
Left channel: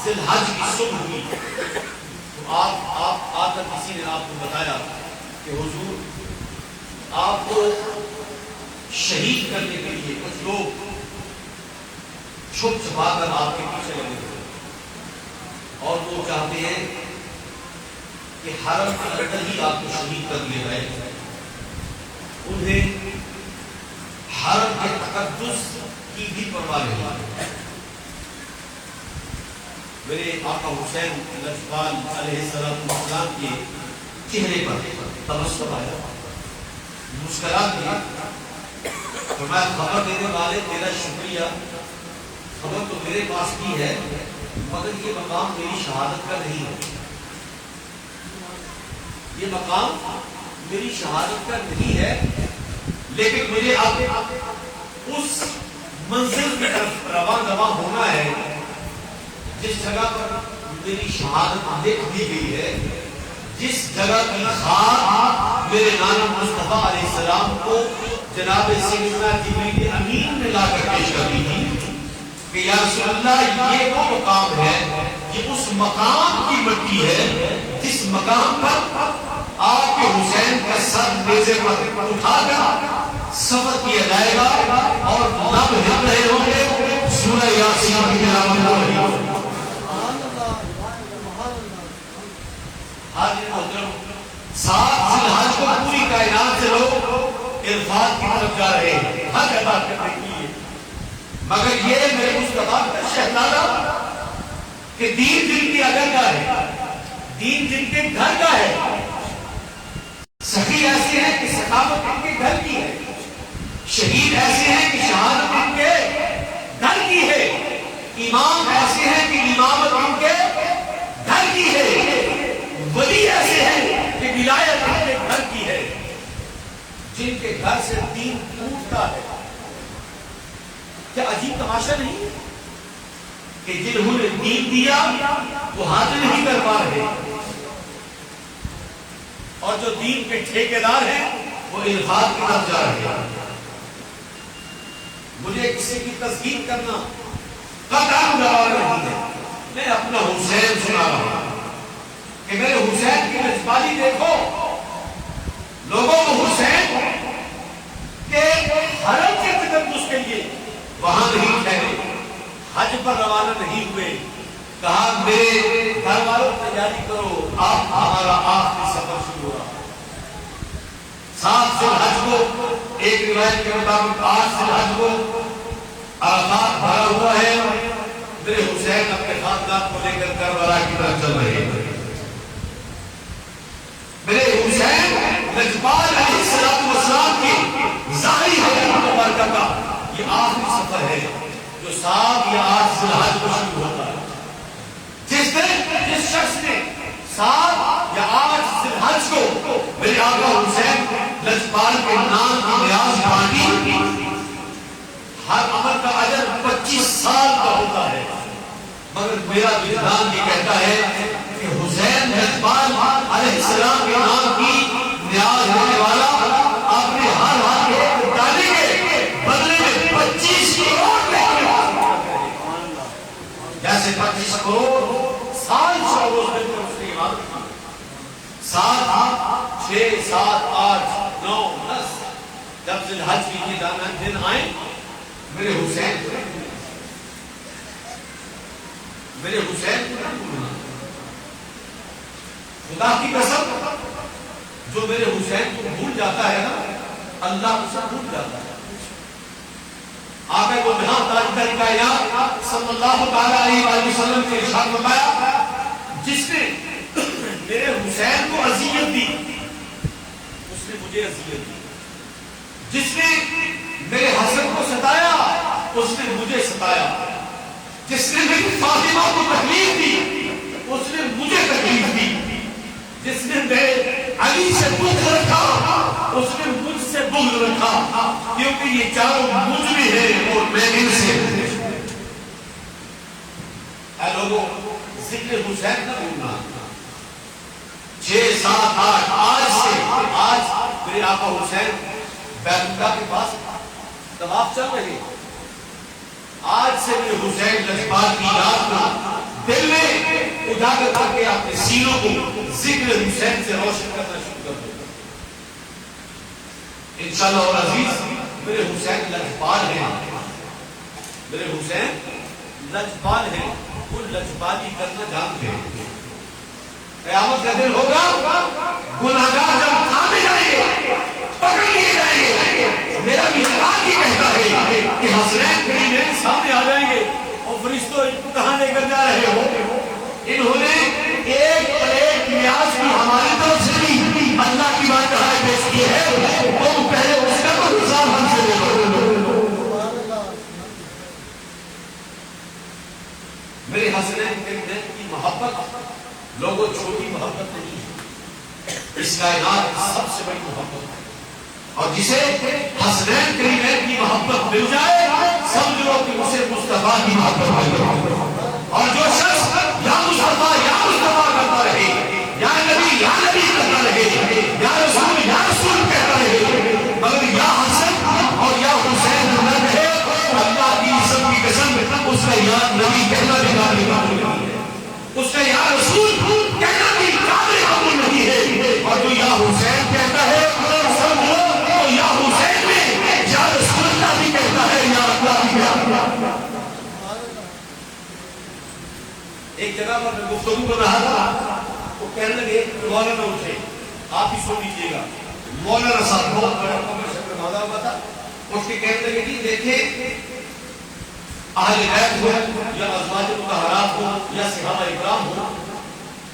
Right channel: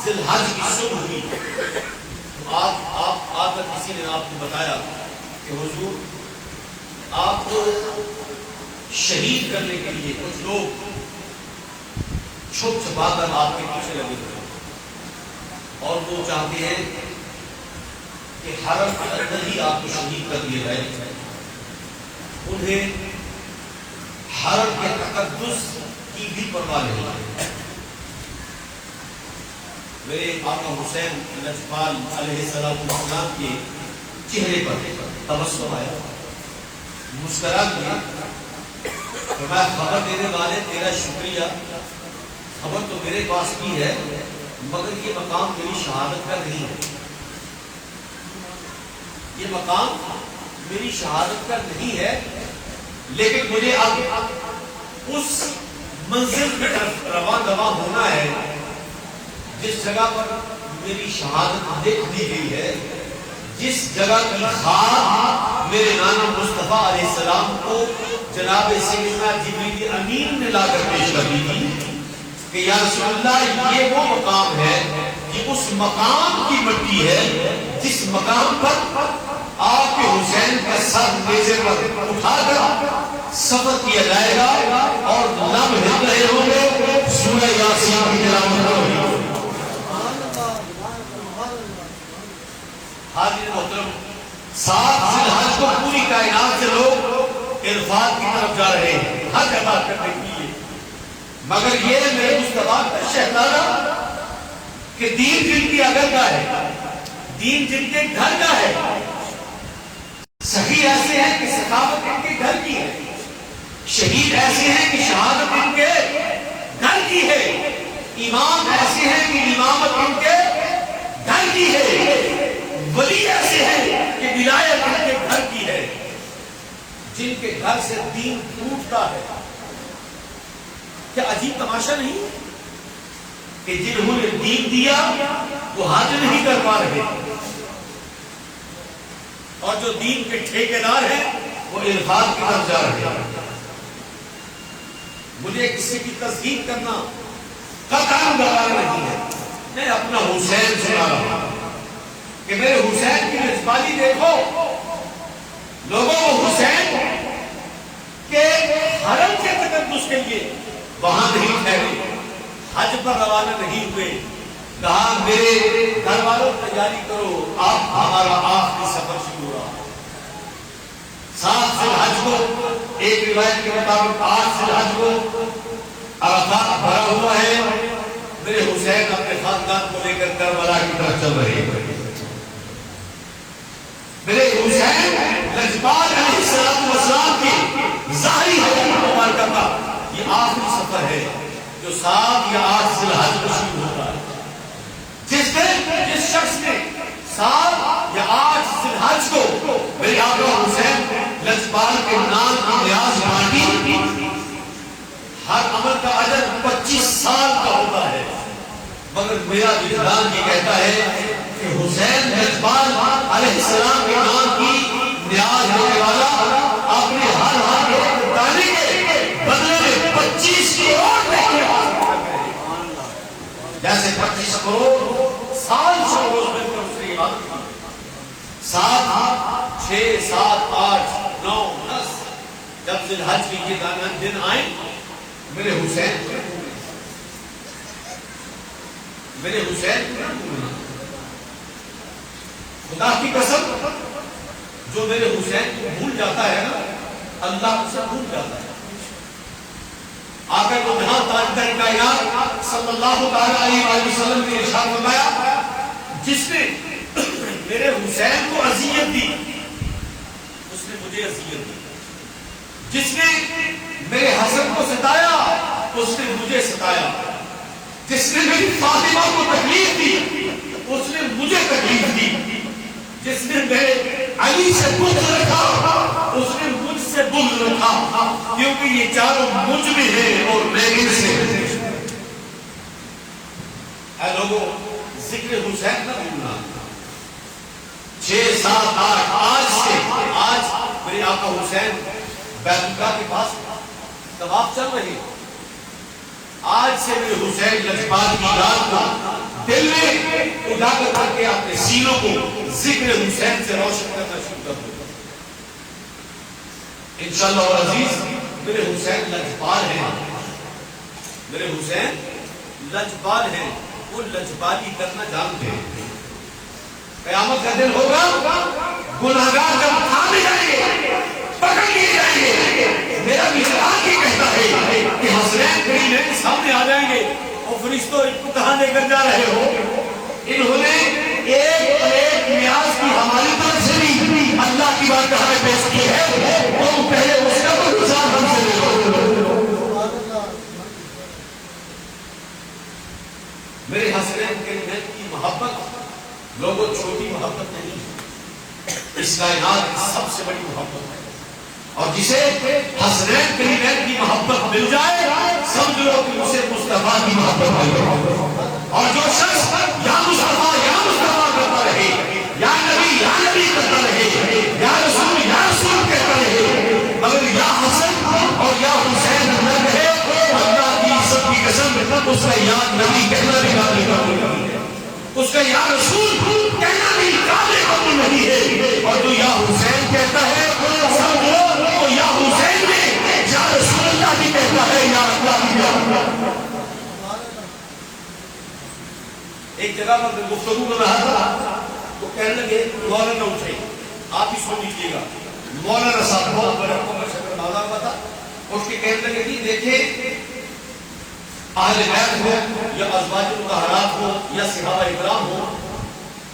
ذی الحج کی صبح ہوئی. تو آپ کا کسی نے آپ کو بتایا کہ حضور آپ کو شہید کرنے کے لیے کچھ لوگ چھپ چھپا کر آپ کے پیچھے لگے ہوئے اور وہ چاہتے ہیں کہ حرم کے اندر ہی آپ کو شہید کر دیا جائے. انہیں حرم کے تقدس کی بھی پرواہ نہیں ہے. میرے آقا حسین الاجپال علیہ السلام کے چہرے پر تبسم آیا، مسکرا کیا. فرمایا خبر دینے والے تیرا شکریہ، خبر تو میرے پاس بھی ہے مگر یہ مقام میری شہادت کا نہیں ہے، یہ مقام میری شہادت کا نہیں ہے، لیکن مجھے آگے اس منزل کی طرف رواں ہونا ہے جس جگہ پر میری شہادت لکھ دی گئی ہے، جس جگہ کی خاک میرے نانا مصطفیٰ علیہ السلام کو جناب سیدنا جبریل امین نے لا کر پیش کر دی تھی کہ یا رسول اللہ یہ وہ مقام ہے، یہ اس مقام کی مٹی ہے جس مقام پر آپ کے حسین کا سر نیزے پر اٹھا کر سفر کیا جائے گا اور لب ہل رہے ہوں گے سورہ یاسین کی تلاوت ہو رہی ہوگی. حاضر محترم، 7 ذی الحج کو پوری کائنات سے لوگ عرفات کی طرف جا رہے ہیں حج ادا کرنے کے لیے، مگر یہ میرے مصطفیٰ کا شہزادہ کہ دین جن کی اگر کا ہے، دین جن کے گھر کا ہے، سخی ایسے ہیں کہ سخاوت ان کے گھر کی ہے، شہید ایسے ہیں کہ شہادت ان کے گھر کی ہے، امام ایسے ہیں کہ امامت ان کے گھر ولایت ان کے گھر کی ہے جن کے گھر سے دین ٹوٹتا ہے. کیا عجیب تماشا نہیں ہے کہ جنہوں نے دین دیا وہ حاضر نہیں کر پا رہے اور جو دین کے ٹھیکیدار ہیں وہ الفاظ کی طرف جا رہے ہیں. مجھے کسی کی تصدیق کرنا قطعاً گوار نہیں ہے. میں اپنا حسین سنا رہا ہوں کہ میرے حسین کی رسوالی دیکھو. لوگوں کو حسین کے حرم کے تقدس کے لیے وہاں نہیں ٹھہرے, حج پر روانہ نہیں ہوئے. کہا میرے گھر والوں تیاری کرو, آپ ہمارا آخری سفر شروع ہوا. 7 ذوالحج کو, ایک روایت کے مطابق 8 ذوالحج کو عرفات بھرا ہوا ہے. میرے حسین اپنے خاندان کو لے کر کربلا کی طرف چل رہے ہیں. میرے حسین لجپال علیہ السلام کی ظاہری حیات مبارکہ کا یہ آخری سفر ہے جو 7 یا 8 ذوالحج کو شروع ہوتا ہے. جس شخص نے 7 یا 8 ذوالحج کو میرے آقا حسین لجپال کے نام کی نیاز مانگی, ہر عمل کا اجر 25 سال کا ہوتا ہے. مگر میرا وجدان یہ کہتا ہے کہ حسین لجپال علیہ السلام کے نام کی نیاز ہونے والا اپنے ہر ہاتھ کو ڈالے کے بدلے میں 25 کروڑ جیسے 25 کروڑ سال سے روز مل کر اس نے عبادت کی. 7 6 7 8 9 10 جب ذوالحج کی یہ دن آئے میرے حسین خدا کی قسم جو میرے حسین کو بھول جاتا ہے نا اللہ اسے بھول جاتا ہے. آقا کو جہاں تاجدار کائنات صلی اللہ تعالی علیہ وسلم نے ارشاد فرمایا جس نے میرے حسین کو اذیت دی اس نے مجھے اذیت دی, جس نے میرے حسن کو ستایا اس نے مجھے ستایا, جس نے میری فاطمہ کو تکلیف دی اس نے مجھے تکلیف دی, جس نے میرے علی سے بغض رکھا اس نے مجھ سے بغض رکھا, کیونکہ یہ چاروں مجھ میں ہیں اور میں ان سے. اے لوگوں, ذکر حسین نہ بھولنا. 6 7 8 آج میرے آقا حسین بیت اللہ کے پاس طواف چل رہے ہیں. آج سے میرے حسین لجپال کی رات کو دل میں اجاگر کر کے اپنے سینوں کو ذکر حسین سے روشن کرنا شروع کر دو. انشاءاللہ اور عزیز میرے حسین لجپال ہیں, میرے حسین لجپال ہیں, وہ لجپالی کرنا جانتے ہیں. قیامت کا دن ہوگا, گنہگار جب تھامے جائیں گے, پکڑ لیے جائیں گے, میرا وجدان یہ کہتا ہے کہ حسنین کریمین سامنے آ جائیں گے اور فرشتوں ان کو کہاں لے کر جا رہے ہو. انہوں نے ایک نیاز کی ہماری طرف سے بھی اللہ کی بات کہاں پیش کی ہے, تو پہلے اس کا کوئی حساب ہم سے لے لو. میرے حسنین کریمین کی محبت لوگوں چھوٹی محبت نہیں ہے, اس کائنات کی سب سے بڑی محبت ہے. اور جسے حسنین کریمین کی محبت مل جائے سمجھ لو کہ اسے مصطفیٰ کی محبت مل. اور جو شخص یا مصطفیٰ کرتا رہے, یا نبی کرتا رہے, یا رسول کہتا رہے, مگر یا حسن اور یا حسین نہ کہے, اللہ کی عزت کی قسم اس کا یا نبی کہنا بھی قابل قبول نہیں ہے, اس کا یا رسول کہنا بھی قابل قبول نہیں ہے. اور جو یا حسین کہتا ہے سمجھو تو یا حسین میں یا رسول اللہ بھی کہتا ہے یا اللہ بھی کہتا ہے. ایک جگہ پر گفتگو کر رہا تھا, وہ کہنے لگے مولانا اٹھے, آپ ہی سن لیجیے گا. مولانا صاحب بہت بڑے عمر سے پیدا ہوا تھا, اٹھ کے کہنے لگے کہ دیکھیں اہل بیت ہو یا ازواج مطہرات ہو یا صحابہ اکرام ہو,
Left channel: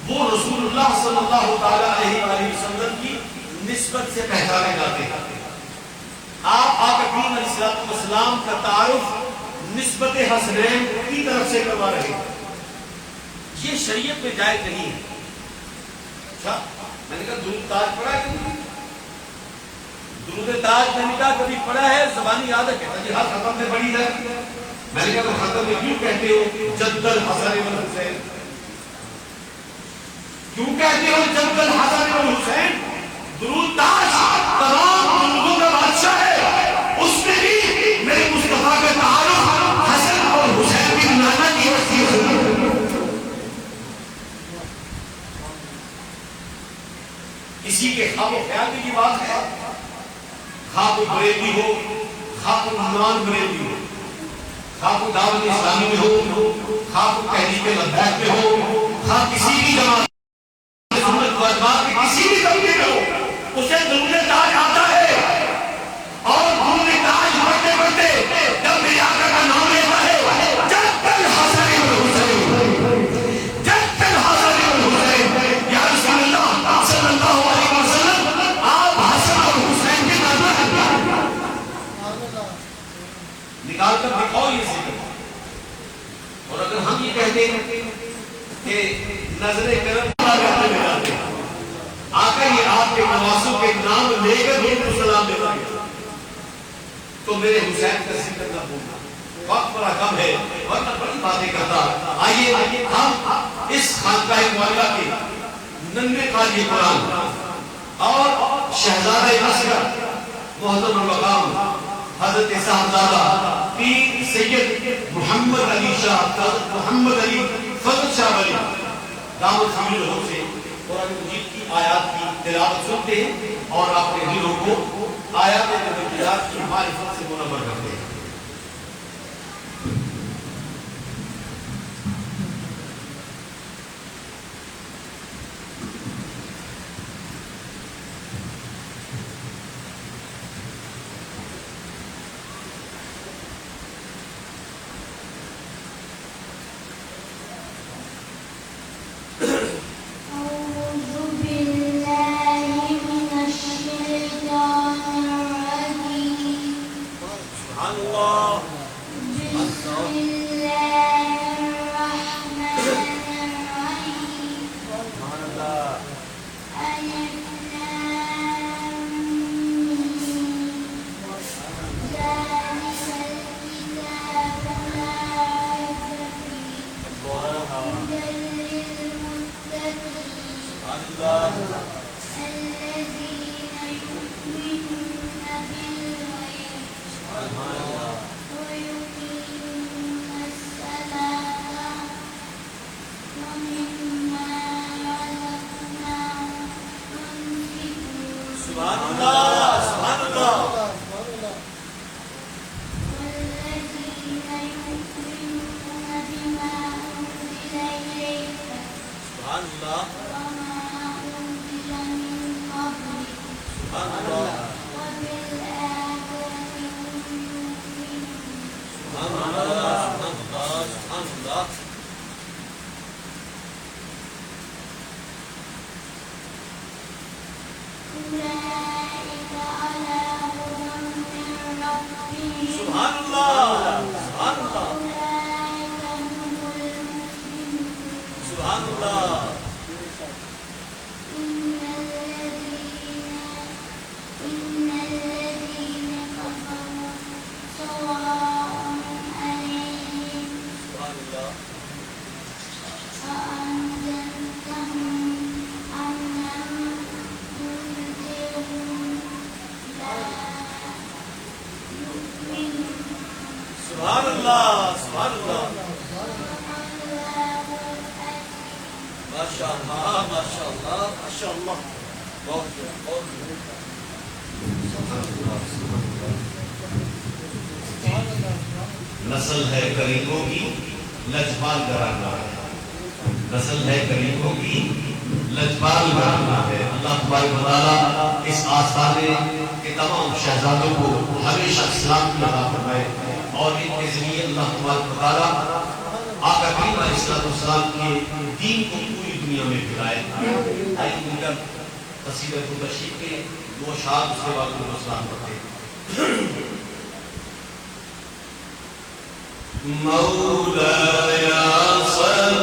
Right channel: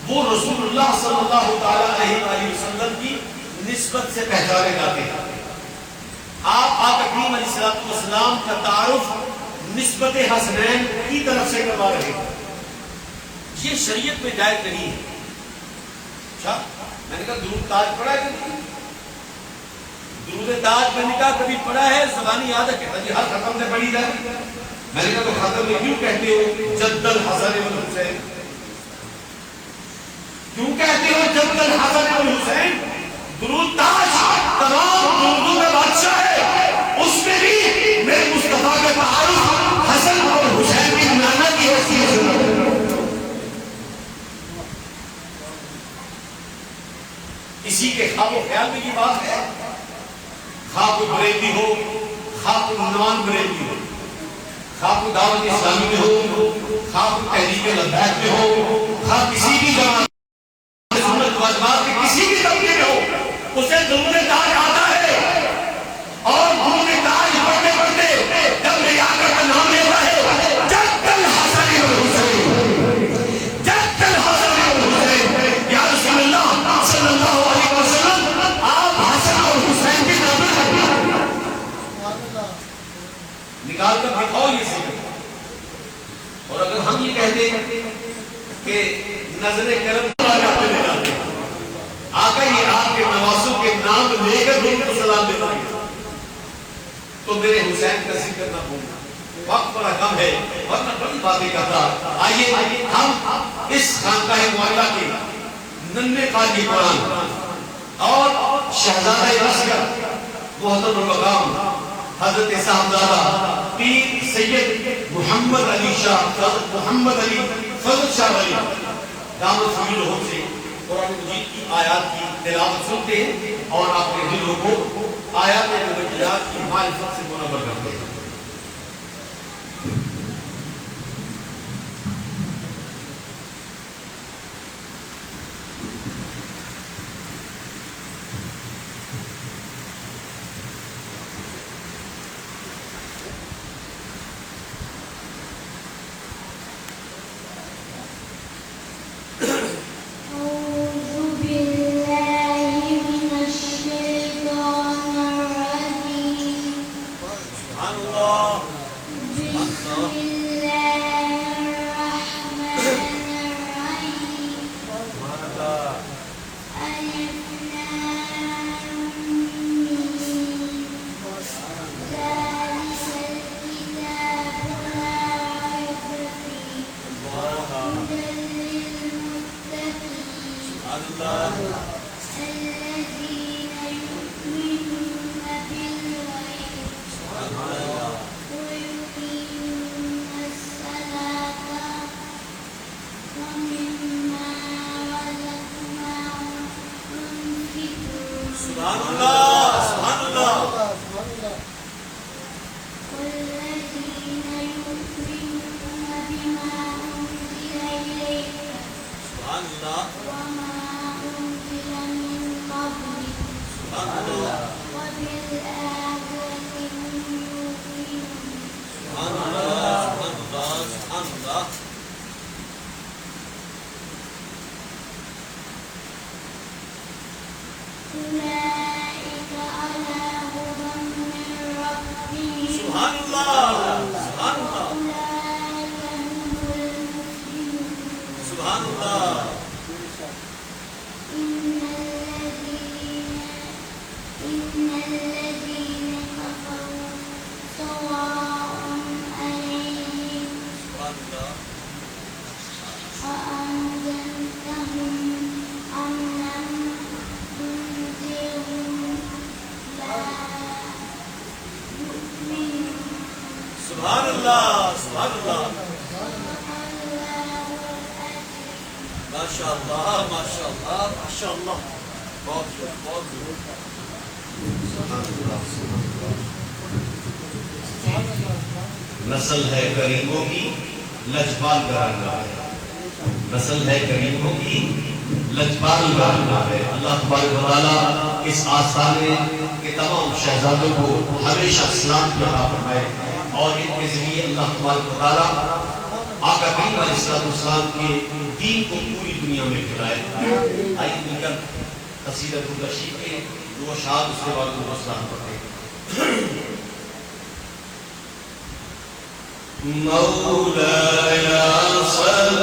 وہ رسول اللہ صلی اللہ تعالی علیہ وآلہ وسلم کی نسبت سے پہچانے جاتے ہیں. آپ آقا کریم علیہ السلام کا تعارف نسبت حسنین کی طرف سے کروا رہے ہیں. یہ شریعت میں جائز نہیں ہے. اچھا میں نے کہا درود تاج پڑھا ہے کبھی؟ درود تاج میں نے کہا کبھی پڑھا ہے؟ زبانی یاد ہے کہتا جی ہر ختم میں پڑھی ہے. میں نے کہا تو ختم میں کیوں کہتے ہو جد الحسن والحسین؟ کیوں کہتے ہو جد الحسن والحسین؟ درود تاج تمام درودوں کا بادشاہ ہے، اس میں بھی میرے مصطفیٰ کا تعارف حسن اور حسین کی نانا کی حیثیت ہے. کسی کے خواب و خیال میں کی بات ہے، خواب کو بریلی ہو، خواب کو نان بریلی ہو، خواب کو دعوت اسلامی میں ہو، خواب کو تحریک لبیک میں ہو، خواب کسی بھی جماعت سنت والجماعت کے کسی بھی طبقے میں ہو، اسے درود تاج آتا ہے. اور درود تاج پڑھتے پڑھتے جب میرے آقا کا نام لیتا ہے جد الحسن والحسین، جد الحسن والحسین، یا رسول اللہ صلی اللہ علیہ وسلم آپ حسن اور حسین کے نانا ہیں. نکال کر دکھاؤ یہ ذکر. اور اگر ہم یہ کہتے ہیں کہ نظر کرم آقا یہ آپ کے نواسوں کے نام لے کر ان کو سلام دینا ہے تو میرے حسین کا ذکر نہ بھولنا. وقت بڑا کم ہے ورنہ بڑی باتیں کرتا. آئیے ہم اس خانقاہ معلیٰ کے ننھے قاری قرآن اور شہزادہ اصغر محترم مقام حضرت صاحبزادہ پیر سید محمد علی شاہ محمد علی فضل شاہ ولی دامت سمیل ہو سے قرآن مجید کی آیات کی تلاوت سنتے ہیں اور اپنے دلوں کو آیات نبویات کی معرفت سے منور کرتے ہیں. نسل ہے غریبوں کی لجپال گھرانا ہے، نسل ہے غریبوں کی لجپال گھرانا ہے. اللہ تبارک و تعالیٰ اس آستانے کے تمام شہزادوں کو ہمیشہ سلامتی عطا فرمائے اور ان کے ذریعے اللہ تبارک و تعالیٰ آقا کریم علیہ السلام کے دین کو پوری دنیا میں پھیلائے. آئیے مل کر تفسیر تشریف کے دو اشعار اس کے بعد ان کو سلام کرتے ہیں. مولاي صل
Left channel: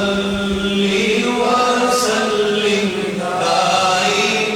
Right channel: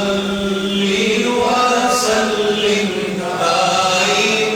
وسلم دائما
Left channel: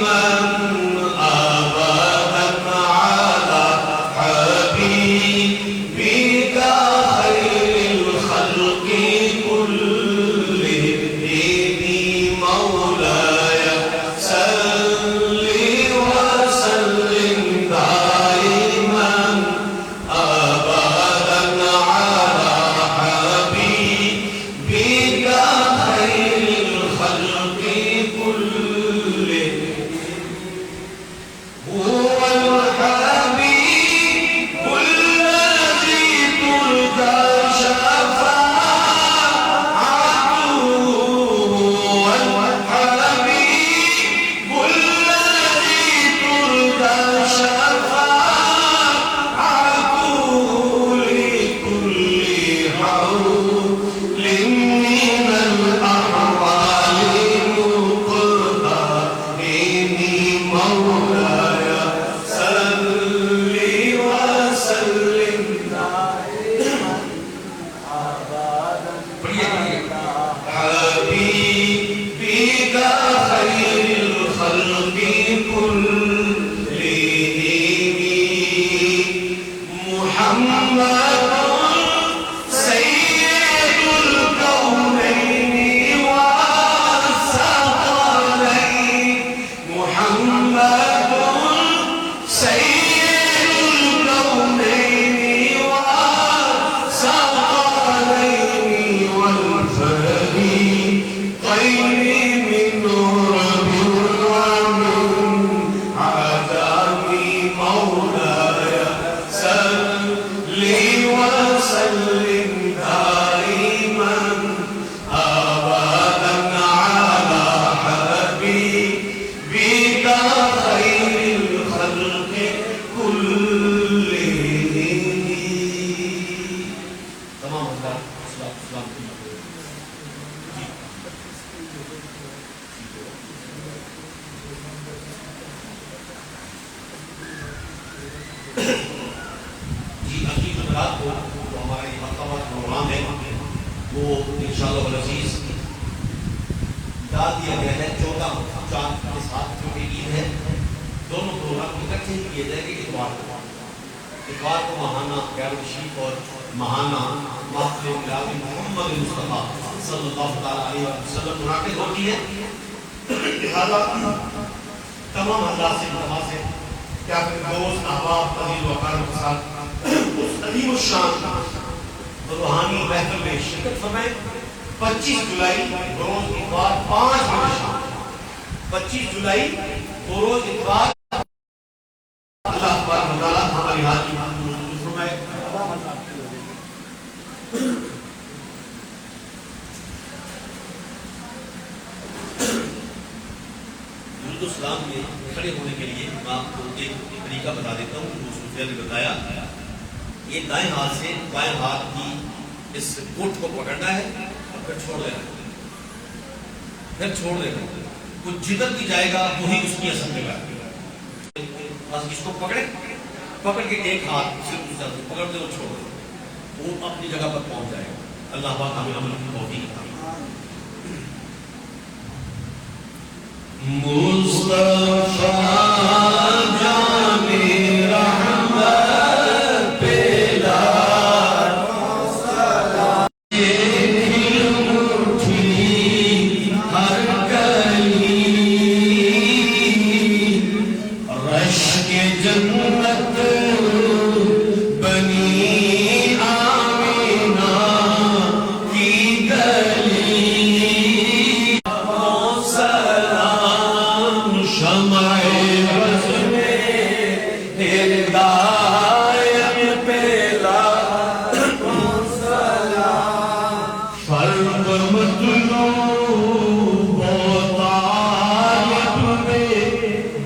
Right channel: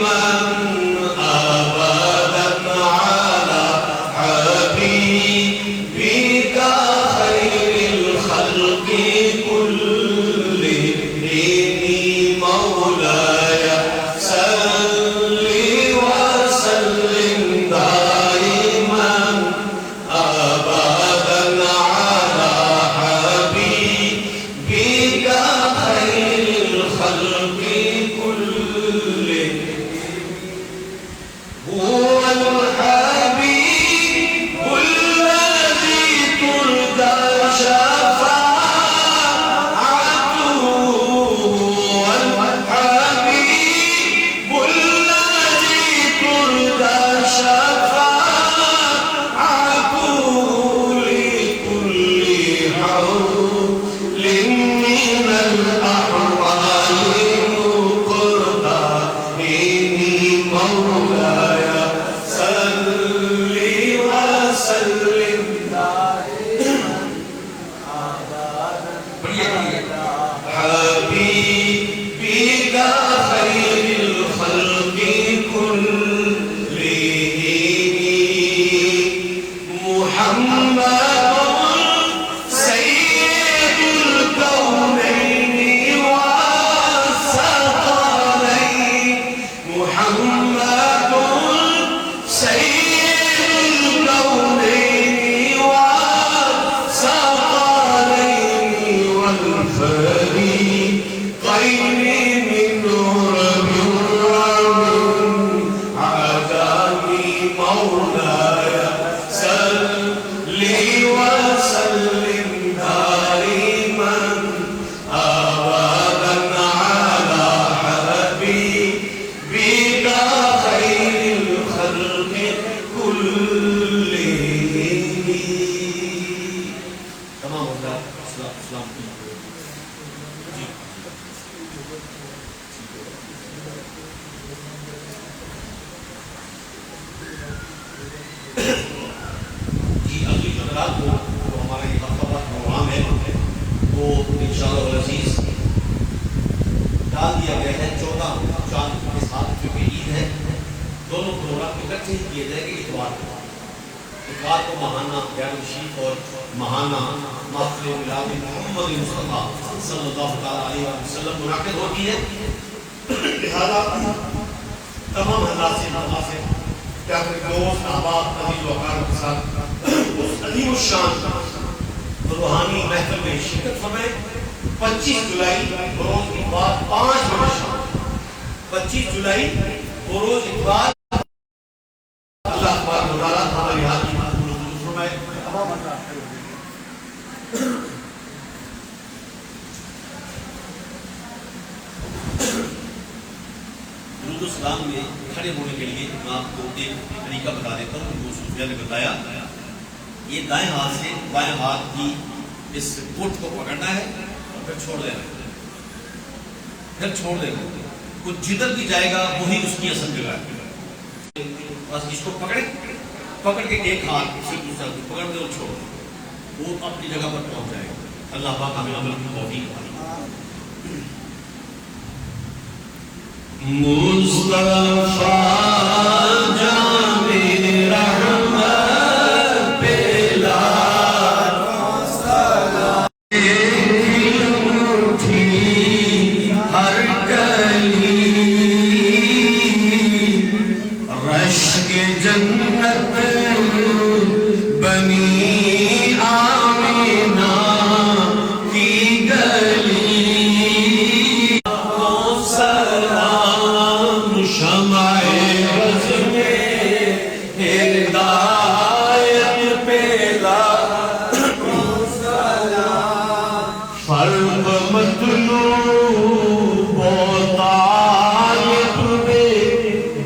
خير من رب عاداني مولاي صل وسلم دائما أبدا على حبيبك خير الخلق كلهم. تمام اللہ اسلام کی جی اگلی جمعرات کو جو ہمارا یہ مرتبہ پروگرام ہے وہ انشاءاللہ العزیز ڈال دیا گیا ہے 14 چاند کے ساتھ کیونکہ عید ہے. دونوں پروگرام اکٹھے کیے جائیں گے اتوار کو ماہانہ بیان شریف اور ماہانہ محفل میلاد محمد مصطفیٰ صلی اللہ تعالیٰ علیہ وسلم منعقد ہوتی ہے. لہذا تمام حضرات سے التماس ہے کہ اپنے دوست احباب عزیز و اقارب کے ساتھ اس عظیم الشان روحانی محفل میں شرکت فرمائیں. 25 جولائی بروز اتوار 5 بجے شام 25 جولائی بروز اتوار اللہ تبارک و تعالیٰ ہماری حاضری فرمائے. درود السلام میں کھڑے ہونے کے لیے میں آپ کو ایک طریقہ بتا دیتا ہوں جو سفیہ نے بتایا. یہ دائیں ہاتھ سے بائیں ہاتھ کی اس گٹھ کو پکڑنا ہے اور پھر چھوڑ دینا ہے. کچھ جدھر بھی جائے گا وہی اس کی اثر مل رہا ہے. بس اس کو پکڑ کے ایک ہاتھ اسی دوسرا پکڑ دے اور چھوڑ دے وہ اپنی جگہ پر پہنچ جائے گا. اللہ پاک ہمیں عمل کی توفیق عطا فرمائے. مصطفیٰ جان رحمت پیلا ہر گلی رش کے جنت بنی آمینہ کی گلی. سلام شمع بز میں ہدایت پیلا فرق مطلوب و طالب میں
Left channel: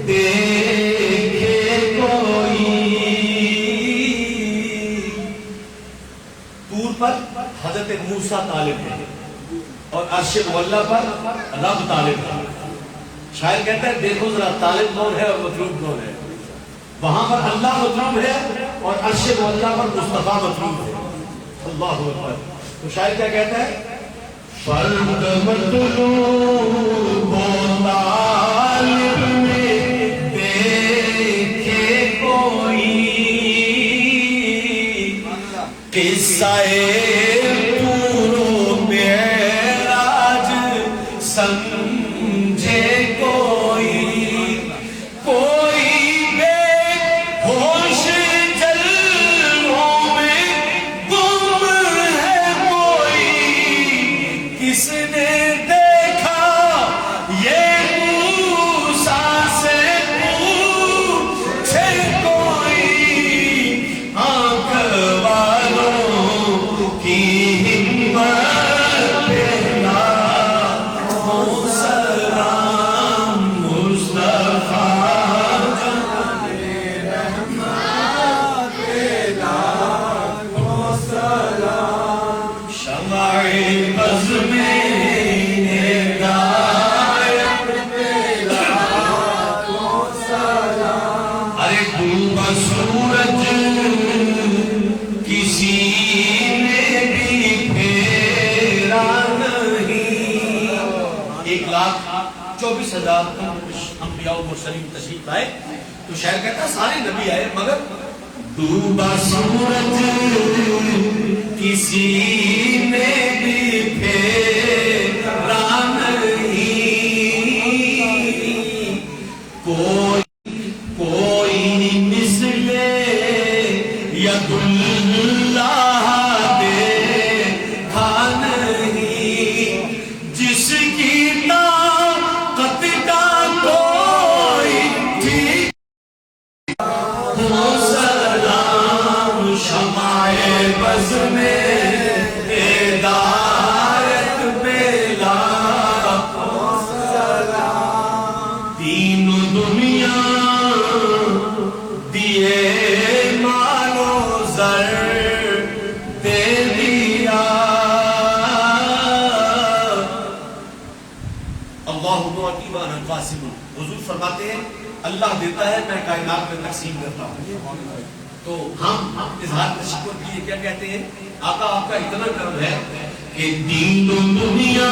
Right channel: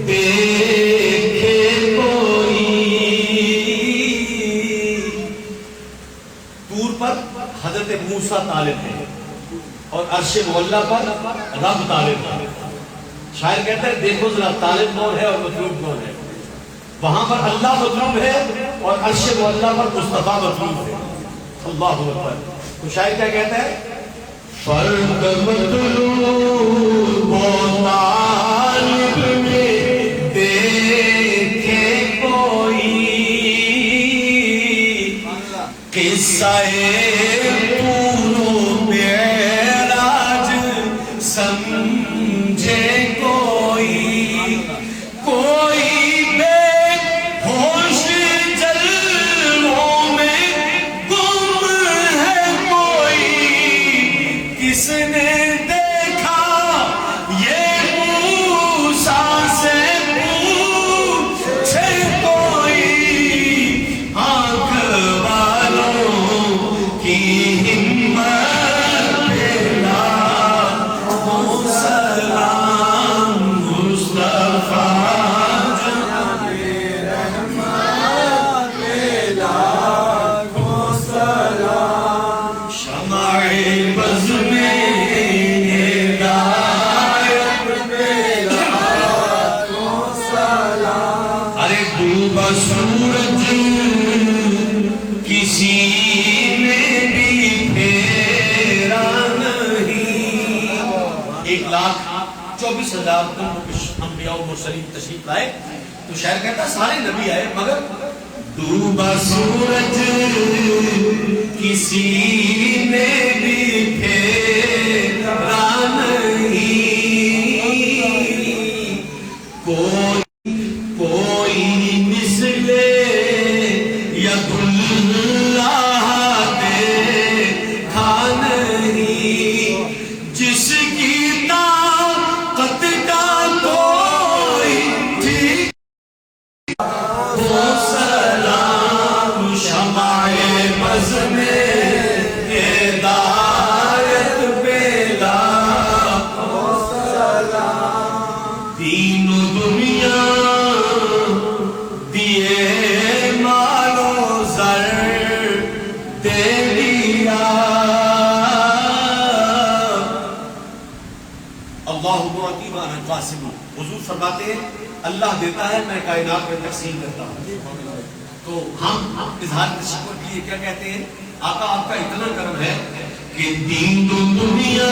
دیکھے کوئی. طور پر حضرت موسیٰ طالب ہے اور عرش معلیٰ پر رب طالب ہے. شاعر کہتا ہے دیکھو ذرا طالب کون ہے اور مطلوب کون ہے. وہاں پر اللہ مطلوب ہے اور عرش معلیٰ پر مصطفیٰ مطلوب ہے. اللہ اکبر. تو شاعر کیا کہتا ہے فرق مطلوب و طالب میں دیکھے کوئی. قصہ پورو معراج سمجھے کوئی. کوئی بے ہوش جلووں میں گم ہے کوئی. کس نے دیکھا یہ موسیٰ سے پوچھے کوئی. آنکھ والوں کی ہمت پیلا سلام مصطفیٰ شمع بز میں ہدایت پیلا. ارے ڈوبا سورج کسی میں بھی پھیرا نہیں. 1,24,000 انبیاء و مرسلین تشریف لائے. تو شاعر کہتا ہے سارے نبی آئے مگر ڈوبا سورج کسی نے بھی پھیرا نہیں. کوئی مثل ید اللہ دیکھا نہیں. جس کی اللہ معطی وانا قاسم. حضور فرماتے ہیں اللہ دیتا ہے میں کائنات میں تقسیم کرتا ہوں. تو ہم اظہار تشکر کے لیے کیا کہتے ہیں؟ آقا آپ کا اتنا کرم ہے کہ دین و دنیا